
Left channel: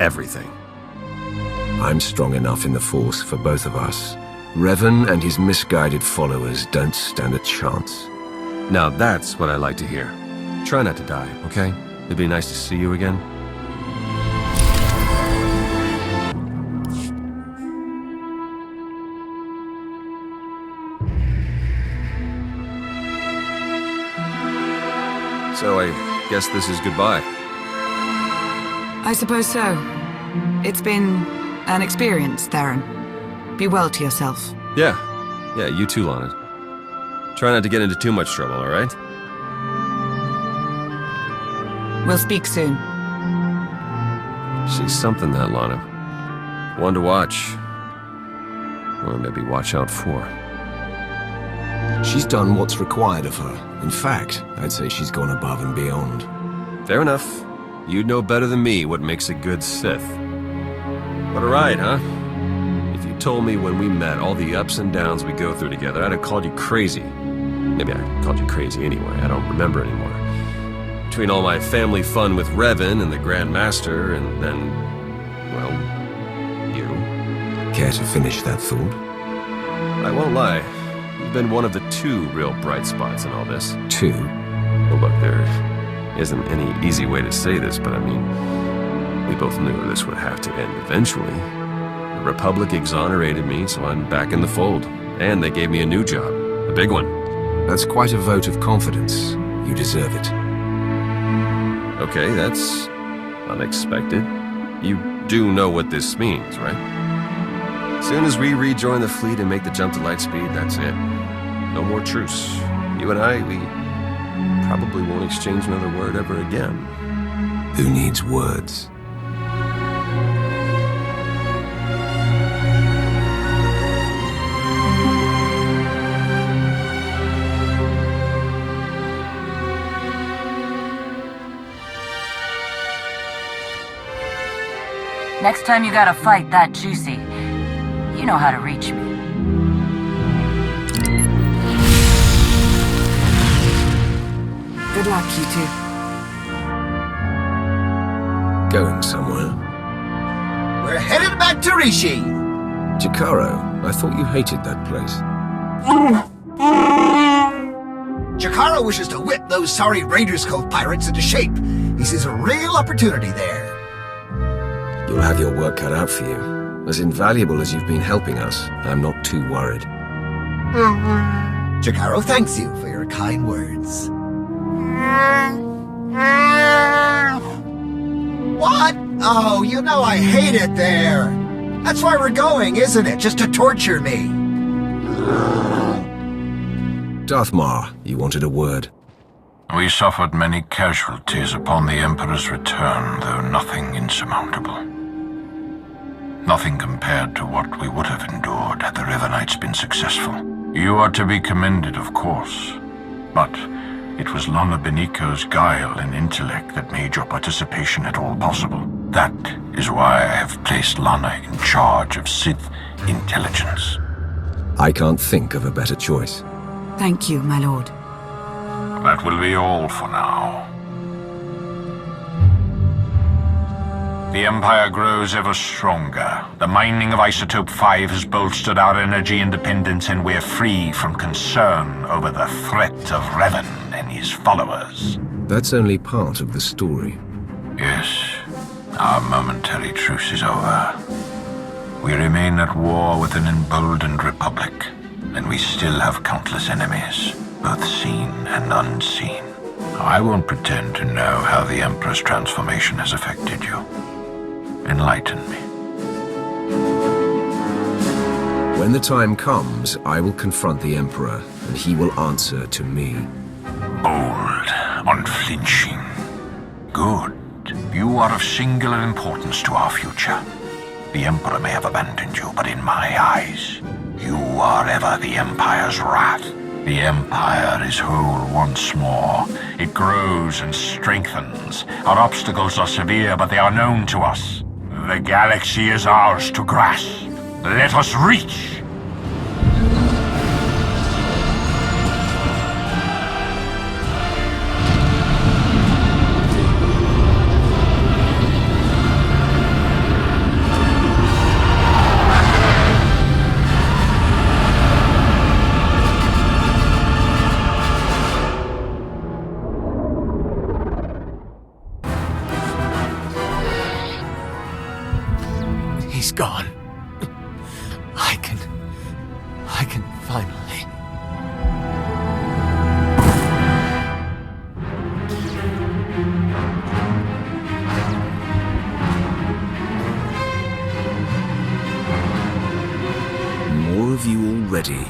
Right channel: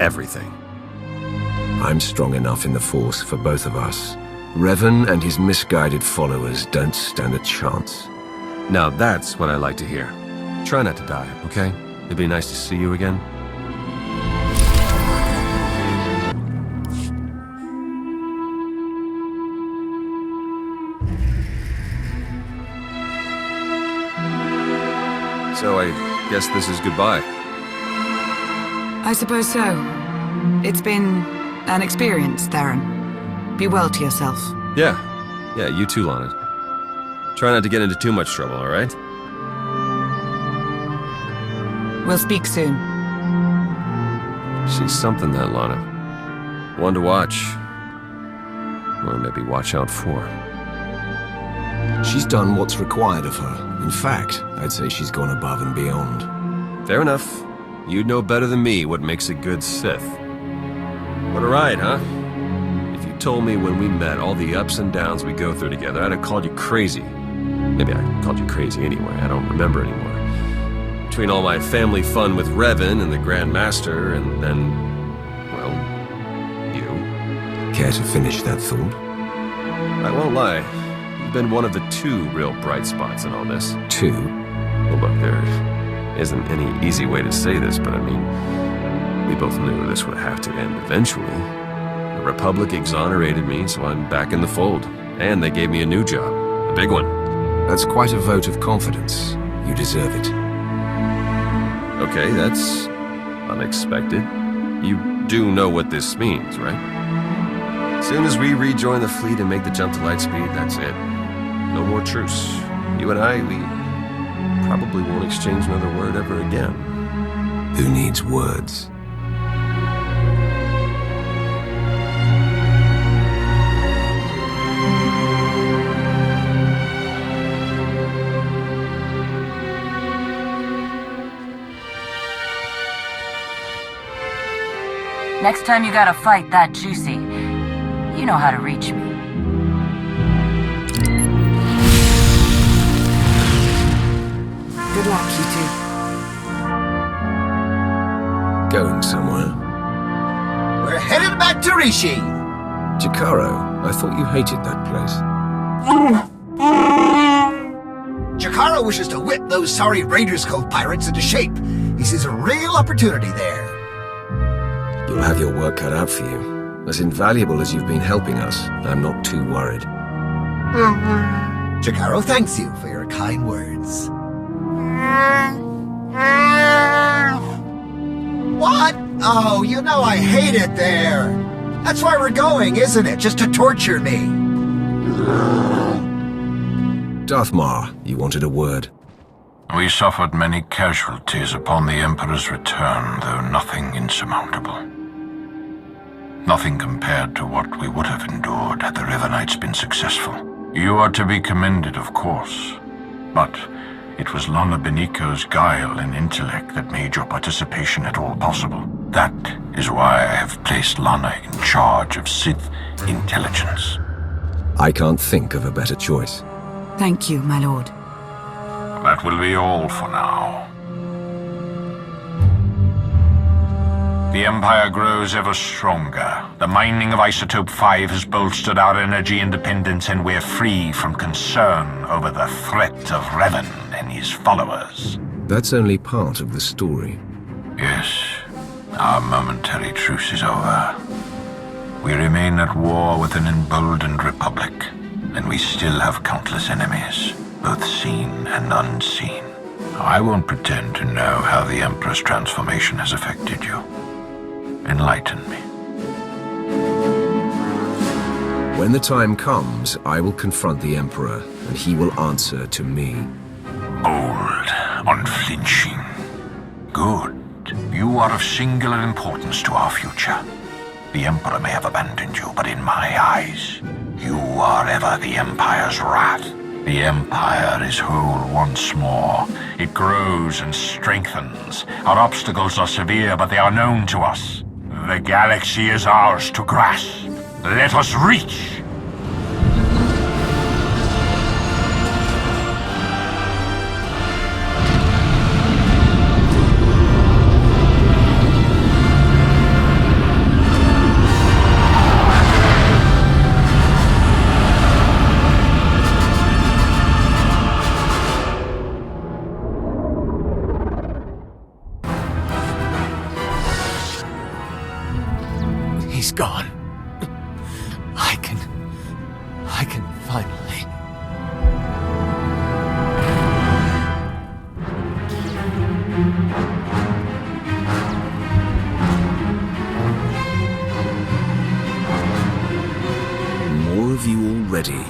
Everything. I'm strong enough in the Force for both of us. Revan and his misguided followers don't stand a chance. Now that's what I like to hear. Try not to die, okay? It'd be nice to see you again. So I guess this is goodbye. I suppose so. It's been an experience, Theron. Be well to yourself. Yeah, you too, Lana. Try not to get into too much trouble, all right? We'll speak soon. She's something, that Lana. One to watch. Or maybe watch out for. She's done what's required of her. In fact, I'd say she's gone above and beyond. Fair enough. You'd know better than me what makes a good Sith. What a ride, huh? If you told me when we met all the ups and downs we go through together, I'd have called you crazy. Maybe I called you crazy anyway, I don't remember anymore. Between all my family fun with Revan and the Grand Master, and then, well, you. Care to finish that thought? I won't lie. You've been one of the two real bright spots in all this. Two? Well, look, there isn't any easy way to say this, but I mean, we both knew this would have to end eventually. The Republic exonerated me, so I'm back in the fold. And they gave me a new job. A big one. That's quite a vote of confidence. You deserve it. Okay, that's unexpected. You do know what this means, right? As soon as we rejoin the fleet and make the jump to lightspeed, that's it. No more truce. You and I, we probably won't exchange another word ever again. Who needs words? Next time you got a fight that juicy, you know how to reach me. Good luck, you two. Going somewhere? We're headed back to Rishi! Jakaro, I thought you hated that place. Jakaro wishes to whip those sorry Raiders Cove pirates into shape. He sees a real opportunity there. You'll have your work cut out for you. As invaluable as you've been helping us, I'm not too worried. Jakaro thanks you for your kind words. What? Oh, you know I hate it there. That's why we're going, isn't it? Just to torture me. Darth Mar, you wanted a word. We suffered many casualties upon the Emperor's return, though nothing insurmountable. Nothing compared to what we would have endured had the Revanites been successful. You are to be commended, of course, but it was Lana Beniko's guile and intellect that made your participation at all possible. That is why I have placed Lana in charge of Sith intelligence. I can't think of a better choice. Thank you, my lord. That will be all for now. The Empire grows ever stronger. The mining of Isotope 5 has bolstered our energy independence, and we're free from concern over the threat of Revan and his followers. That's only part of the story. Yes, our momentary truce is over. We remain at war with an emboldened Republic, and we still have countless enemies, both seen and unseen. I won't pretend to know how the Emperor's transformation has affected you. Enlighten me. When the time comes, I will confront the Emperor, and he will answer to me. Bold, unflinching. Good. You are of singular importance to our future. The Emperor may have abandoned you, but in my eyes, you are ever the Empire's wrath. The Empire is whole once more. It grows and strengthens. Our obstacles are severe, but they are known to us. The galaxy is ours to grasp. Let us reach! He's gone. I can finally... More of you already.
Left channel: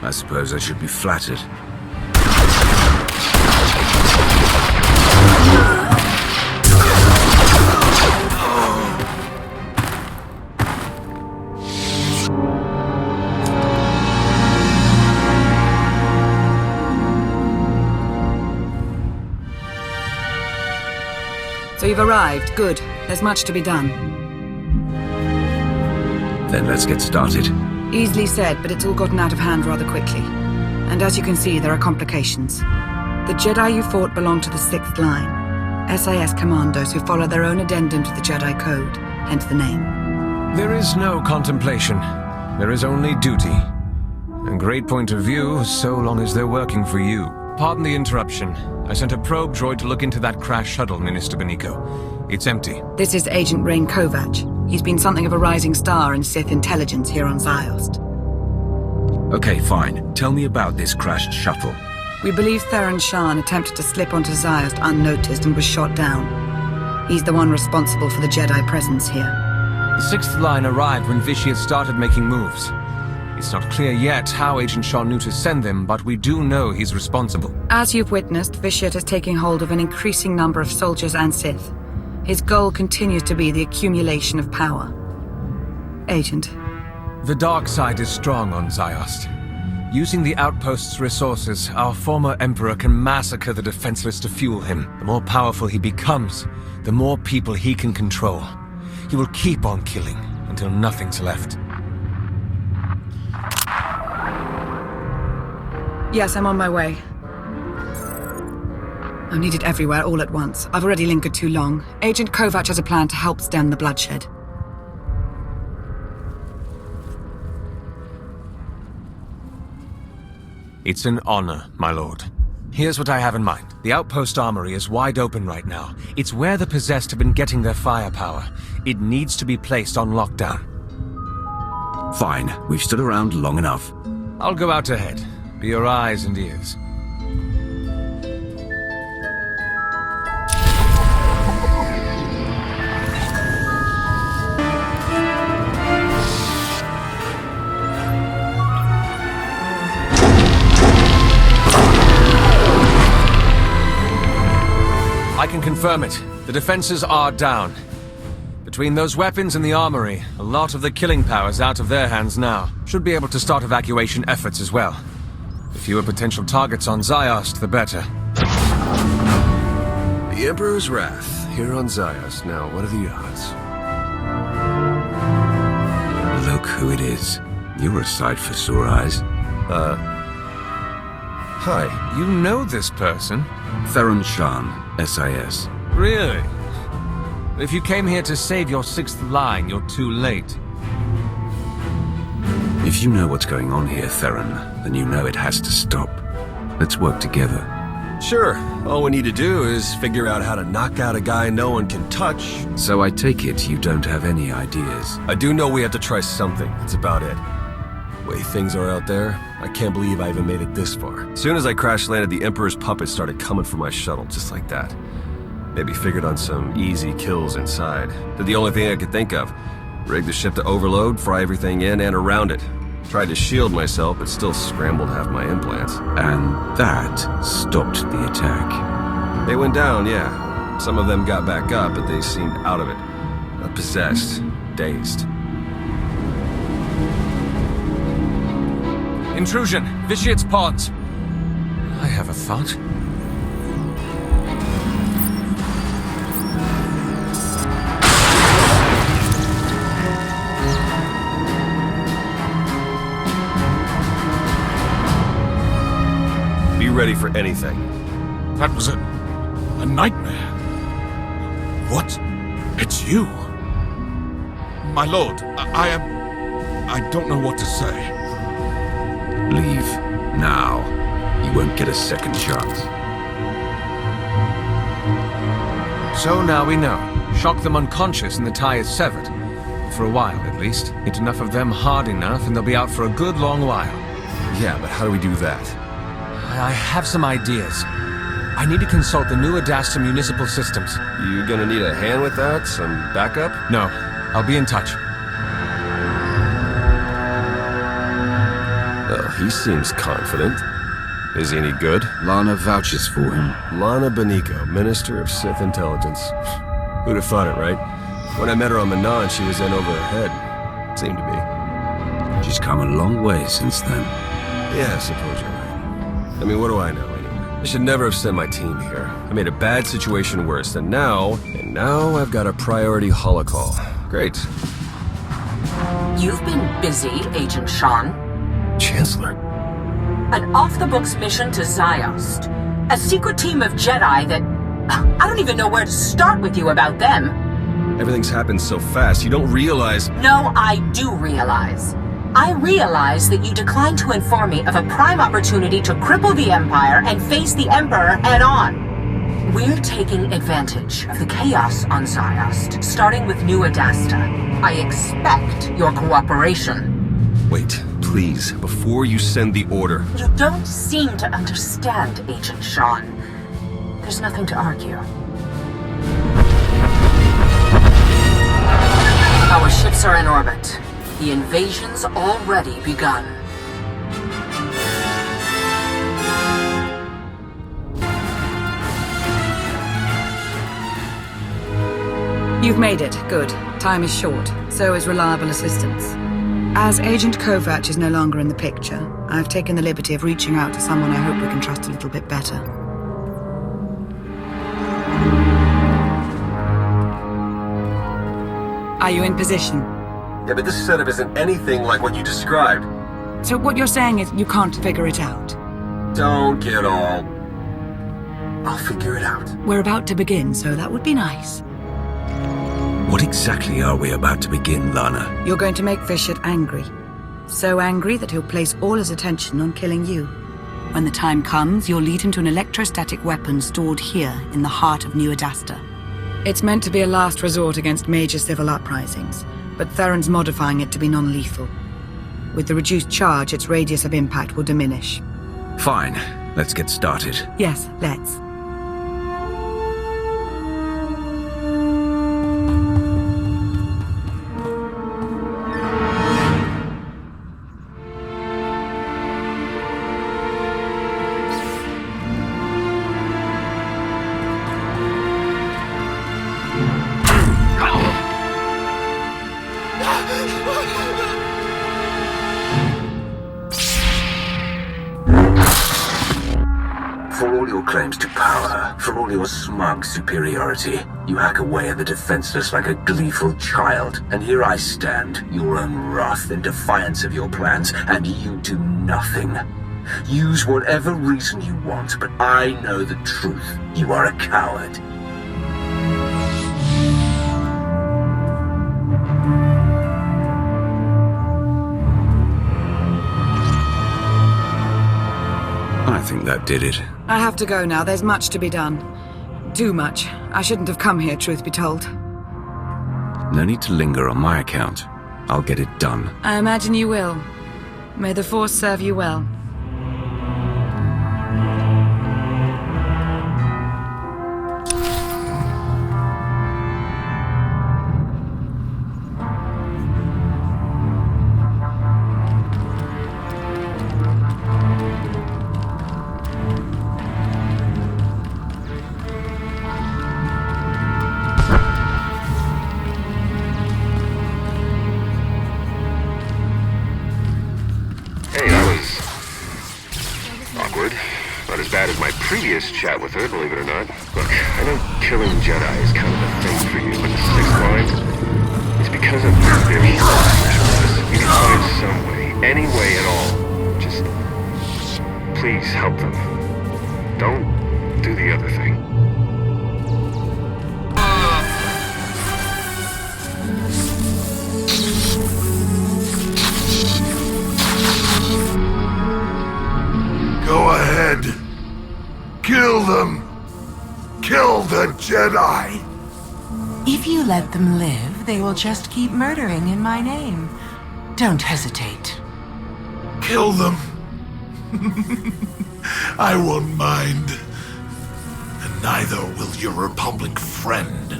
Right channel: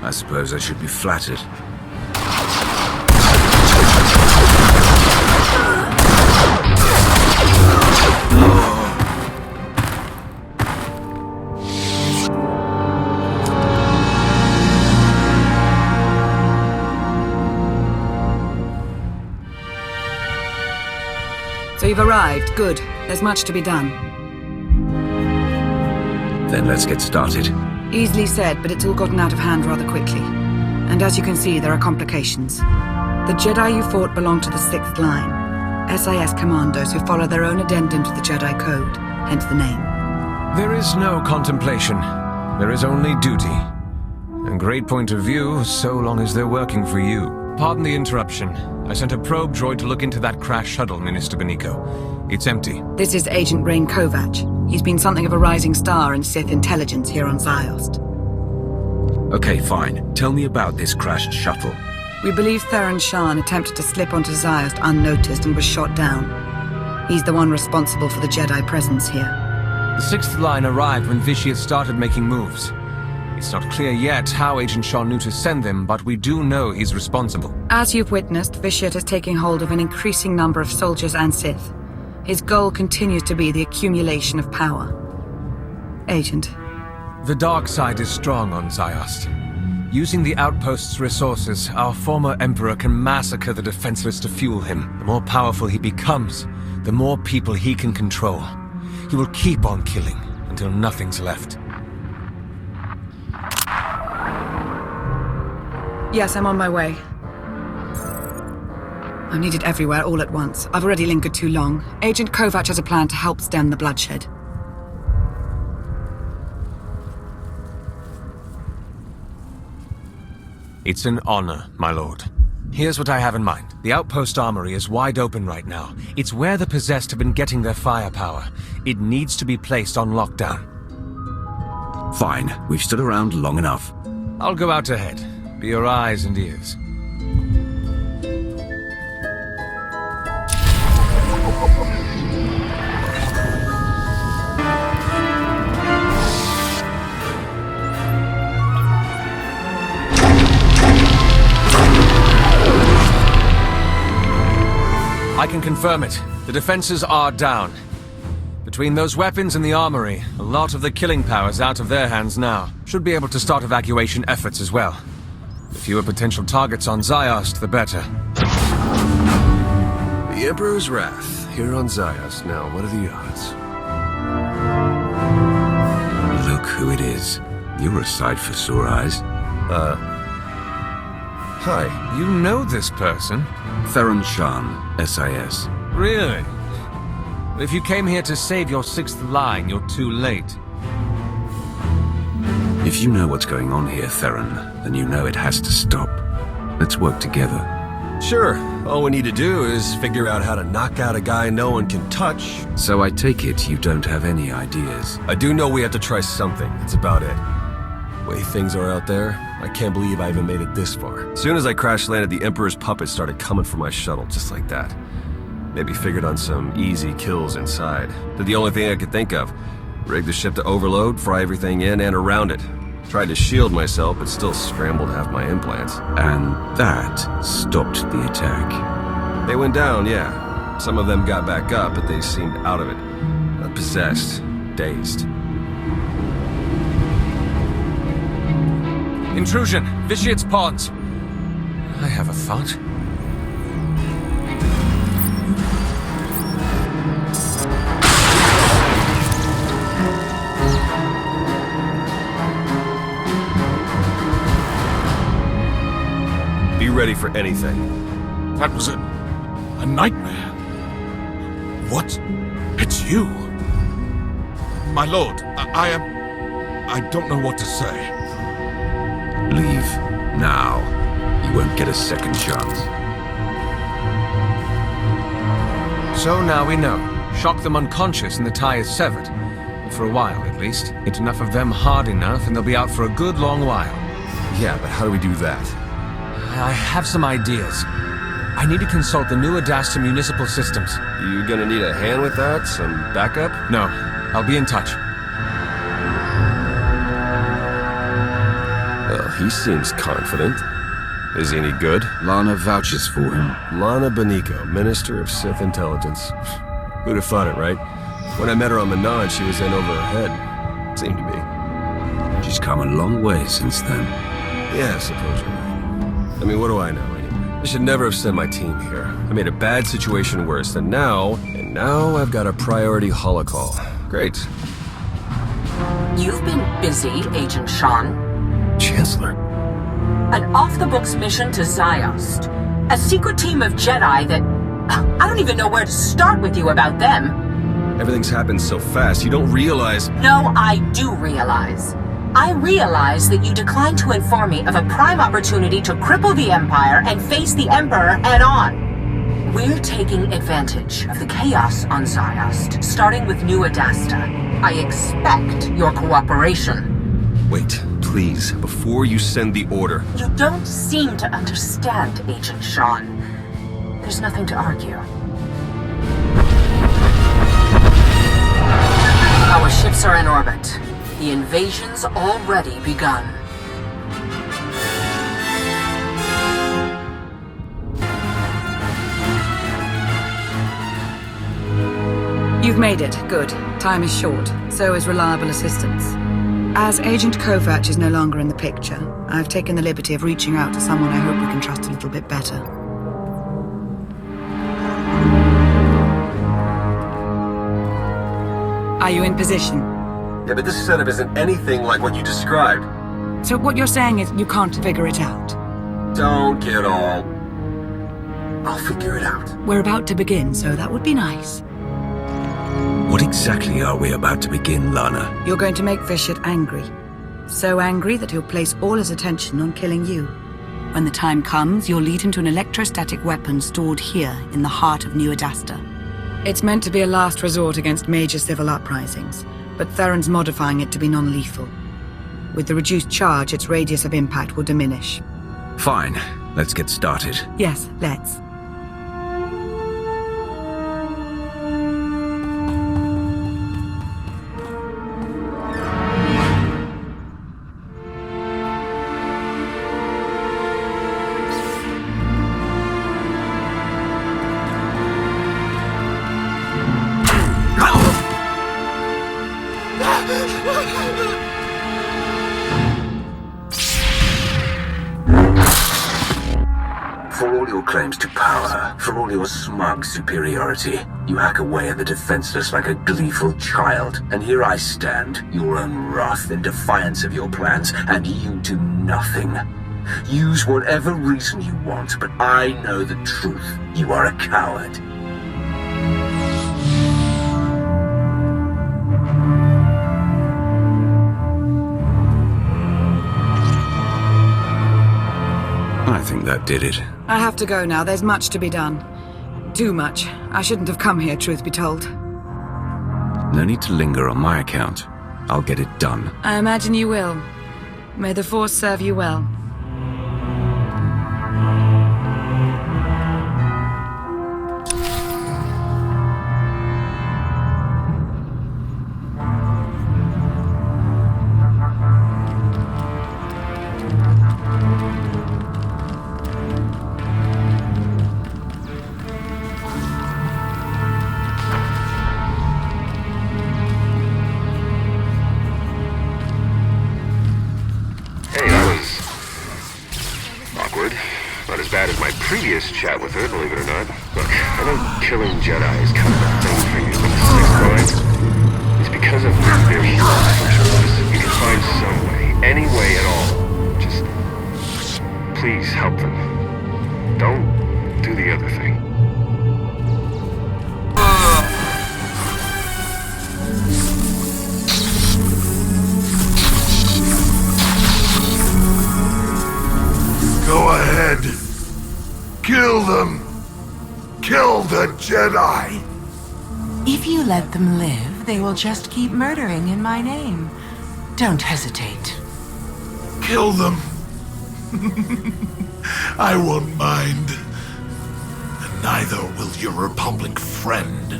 I suppose I should be flattered. So you've arrived. Good. There's much to be done. Then let's get started. Easily said, but it's all gotten out of hand rather quickly. And as you can see, there are complications. The Jedi you fought belong to the 6th line. SIS commandos who follow their own addendum to the Jedi Code, hence the name. There is no contemplation. There is only duty. A great point of view, so long as they're working for you. Pardon the interruption. I sent a probe droid to look into that crash shuttle, Minister Beniko. It's empty. This is Agent Rain Kovac. He's been something of a rising star in Sith intelligence here on Ziost. Okay, fine. Tell me about this crashed shuttle. We believe Theron Shan attempted to slip onto Ziost unnoticed and was shot down. He's the one responsible for the Jedi presence here. The 6th line arrived when Vitiate started making moves. It's not clear yet how Agent Shaw knew to send them, but we do know he's responsible. As you've witnessed, Vitiate is taking hold of an increasing number of soldiers and Sith. His goal continues to be the accumulation of power. Agent. The dark side is strong on Ziost. Using the outpost's resources, our former Emperor can massacre the defenseless to fuel him. The more powerful he becomes, the more people he can control. He will keep on killing until nothing's left. Yes, I'm on my way. I'm needed everywhere all at once. I've already lingered too long. Agent Kovac has a plan to help stem the bloodshed. It's an honor, my lord. Here's what I have in mind. The outpost armory is wide open right now. It's where the possessed have been getting their firepower. It needs to be placed on lockdown. Fine. We've stood around long enough. I'll go out ahead. Be your eyes and ears. I can confirm it. The defenses are down. Between those weapons and the armory, a lot of the killing power's out of their hands now. Should be able to start evacuation efforts as well. The fewer potential targets on Ziost, the better. The Emperor's Wrath, here on Ziost. Now, what are the odds? Look who it is. You're a sight for sore eyes. Hi. You know this person? Theron Shan, SIS. Really? If you came here to save your 6th line, you're too late. If you know what's going on here, Theron, then you know it has to stop. Let's work together. Sure. All we need to do is figure out how to knock out a guy no one can touch. So I take it you don't have any ideas? I do know we have to try something. That's about it. Way things are out there, I can't believe I even made it this far. As soon as I crash landed, the Emperor's puppets started coming for my shuttle, just like that. Maybe figured on some easy kills inside. Did the only thing I could think of. Rigged the ship to overload, fry everything in and around it. Tried to shield myself, but still scrambled half my implants. And that stopped the attack. They went down, yeah. Some of them got back up, but they seemed out of it. Possessed. Dazed. Intrusion! Vitiate's pawns! I have a thought. Be ready for anything. That was a nightmare. What? It's you. My lord, I don't know what to say. Leave now. You won't get a second chance. So now we know. Shock them unconscious and the tie is severed. For a while, at least. Get enough of them hard enough and they'll be out for a good long while. Yeah, but how do we do that? I have some ideas. I need to consult the new Adasta municipal systems. You gonna need a hand with that? Some backup? No. I'll be in touch. Well, he seems confident. Is he any good? Lana vouches for him. Lana Beniko, Minister of Sith Intelligence. Who'd have thought it, right? When I met her on Manan, she was in over her head. Seemed to be. She's come a long way since then. Yeah, I suppose you're right. I mean, what do I know, anyway? I should never have sent my team here. I made a bad situation worse, and now I've got a priority holocall. Great. You've been busy, Agent Shan. Chancellor? An off-the-books mission to Ziost. A secret team of Jedi that... I don't even know where to start with you about them. Everything's happened so fast, you don't realize... No, I do realize. I realize that you declined to inform me of a prime opportunity to cripple the Empire and face the Emperor head-on. We're taking advantage of the chaos on Ziost, starting with New Adasta. I expect your cooperation. Wait, please, before you send the order... You don't seem to understand, Agent Shan. There's nothing to argue. Our ships are in orbit. The invasion's already begun. You've made it. Good. Time is short. So is reliable assistance. As Agent Kovac is no longer in the picture, I've taken the liberty of reaching out to someone I hope we can trust a little bit better. Are you in position? Yeah, but this setup isn't anything like what you described. So what you're saying is you can't figure it out? Don't get all... I'll figure it out. We're about to begin, so that would be nice. What exactly are we about to begin, Lana? You're going to make Vitiate angry. So angry that he'll place all his attention on killing you. When the time comes, you'll lead him to an electrostatic weapon stored here in the heart of New Adasta. It's meant to be a last resort against major civil uprisings, but Theron's modifying it to be non-lethal. With the reduced charge, its radius of impact will diminish. Fine. Let's get started. Yes, let's. For all your claims to power, for all your smug superiority, you hack away at the defenseless like a gleeful child. And here I stand, your own wrath in defiance of your plans, and you do nothing. Use whatever reason you want, but I know the truth. You are a coward. I think that did it. I have to go now. There's much to be done. Too much. I shouldn't have come here, truth be told. No need to linger on my account. I'll get it done. I imagine you will. May the Force serve you well. bad as my previous chat with her, believe it or not. Look, I know killing Jedi is kind of a thing for you, but the Sixth Line, it's because of you they're here in the first place. You can find some way, any way at all. Just, please help them. Don't do the other thing. Go ahead. Kill them. Kill the Jedi. If you let them live, they will just keep murdering in my name. Don't hesitate. Kill them. I won't mind. And neither will your Republic friend.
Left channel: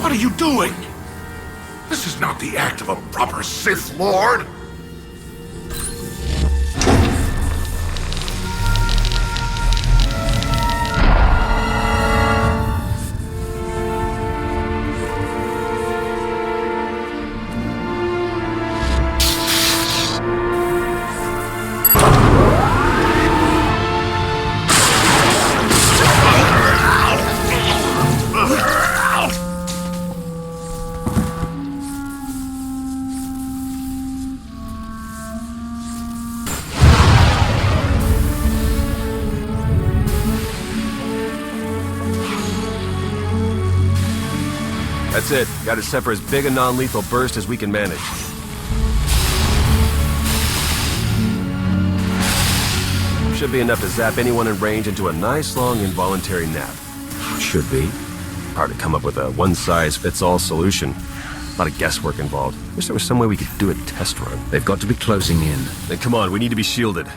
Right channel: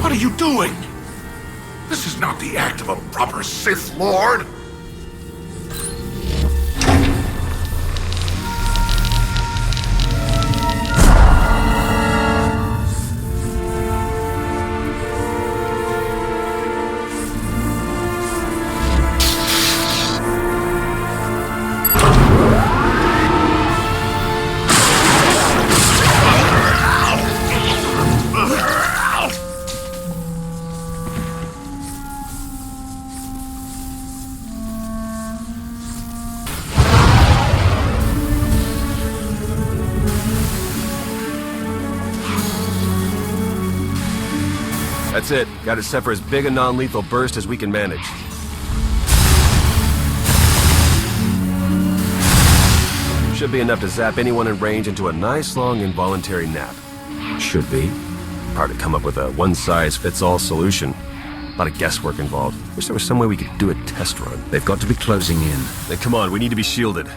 What are you doing? This is not the act of a proper Sith Lord. That's it. Got it set for as big a non-lethal burst as we can manage. Should be enough to zap anyone in range into a nice long involuntary nap. Should be. Hard to come up with a one-size-fits-all solution. A lot of guesswork involved. Wish there was some way we could do a test run. They've got to be closing in. Then come on, we need to be shielded.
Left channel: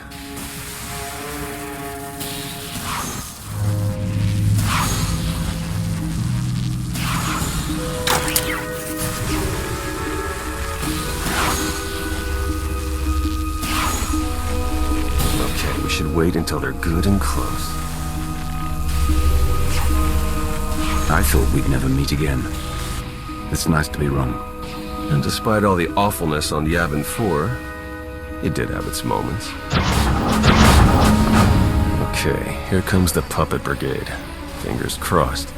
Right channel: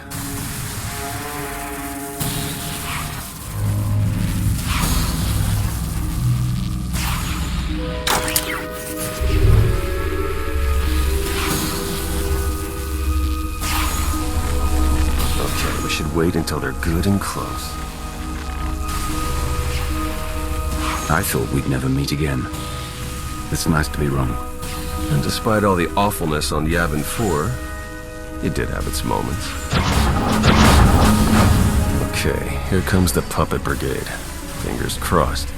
Okay, we should wait until they're good and close. I thought we'd never meet again. It's nice to be wrong. And despite all the awfulness on Yavin 4, it did have its moments. Okay, here comes the Puppet Brigade. Fingers crossed.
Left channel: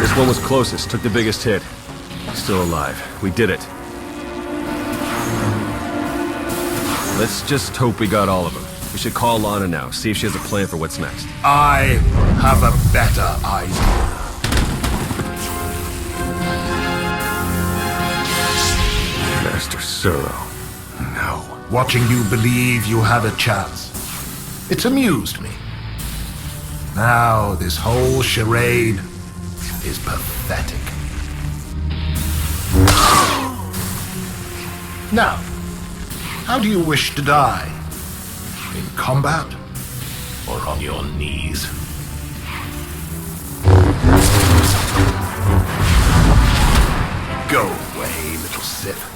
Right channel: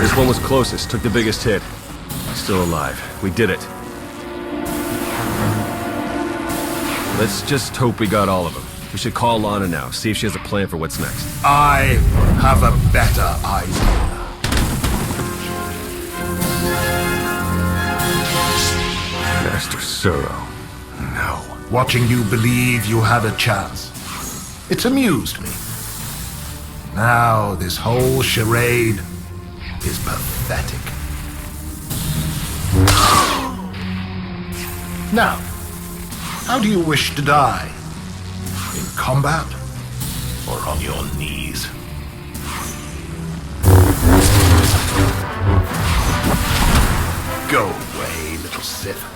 This one was closest, took the biggest hit. Still alive. We did it. Let's just hope we got all of them. We should call Lana now, see if she has a plan for what's next. I have a better idea. Master Suro. No. Watching you believe you had a chance. It's amused me. Now this whole charade is pathetic. Now, how do you wish to die? In combat? Or on your knees? Go away, little Sith.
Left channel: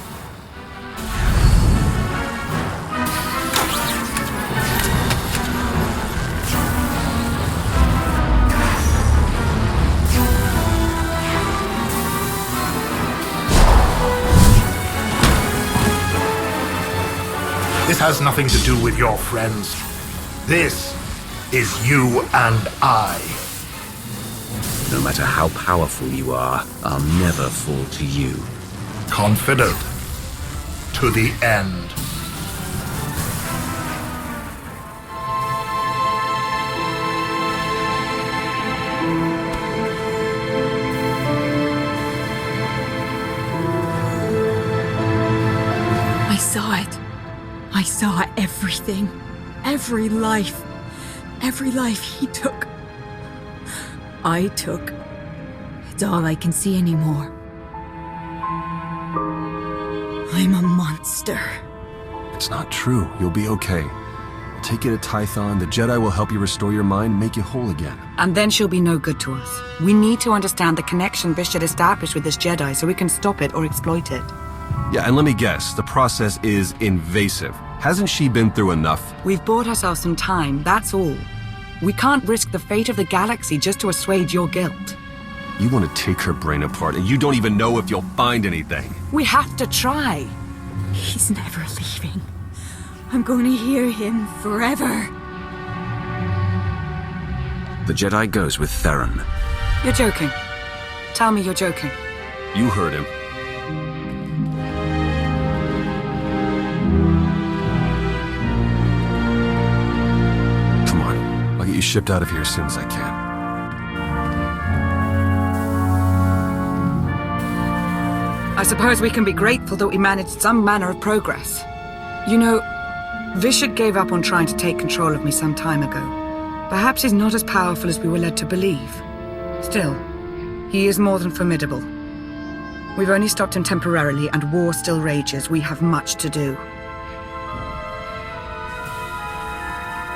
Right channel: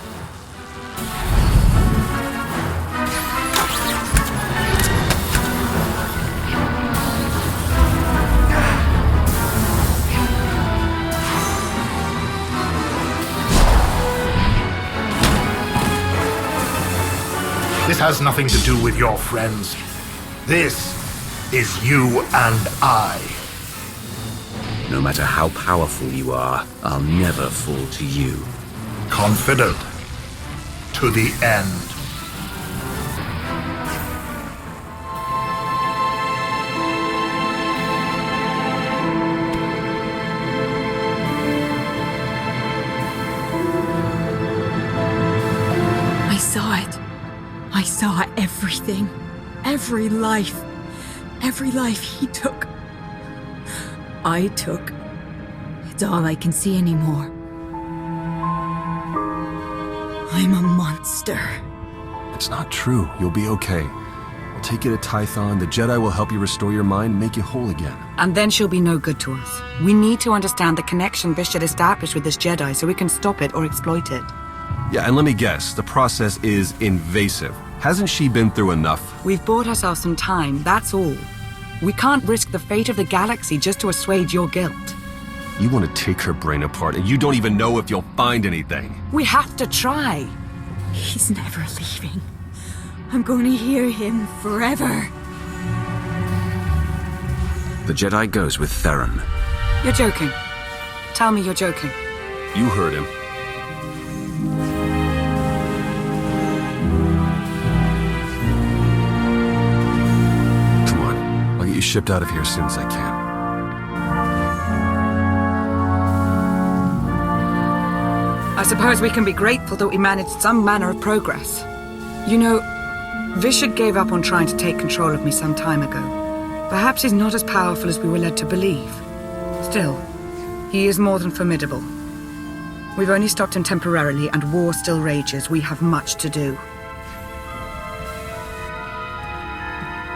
This has nothing to do with your friends. This is you and I. No matter how powerful you are, I'll never fall to you. Confident. To the end. I saw it. I saw everything. Every life. Every life he took. I took. It's all I can see anymore. I'm a monster. It's not true. You'll be okay. I'll take you to Tython. The Jedi will help you restore your mind and make you whole again. And then she'll be no good to us. We need to understand the connection Vish had established with this Jedi so we can stop it or exploit it. Yeah, and let me guess, the process is invasive. Hasn't she been through enough? We've bought ourselves some time, that's all. We can't risk the fate of the galaxy just to assuage your guilt. You want to take her brain apart, and you don't even know if you'll find anything. We have to try. He's never leaving. I'm going to hear him forever. The Jedi goes with Theron. You're joking. Tell me you're joking. You heard him. Come on. I'll get you shipped out of here as soon as I can. I suppose we can be grateful that we managed some manner of progress. You know, Vishad gave up on trying to take control of me some time ago. Perhaps he's not as powerful as we were led to believe. Still, he is more than formidable. We've only stopped him temporarily, and war still rages. We have much to do.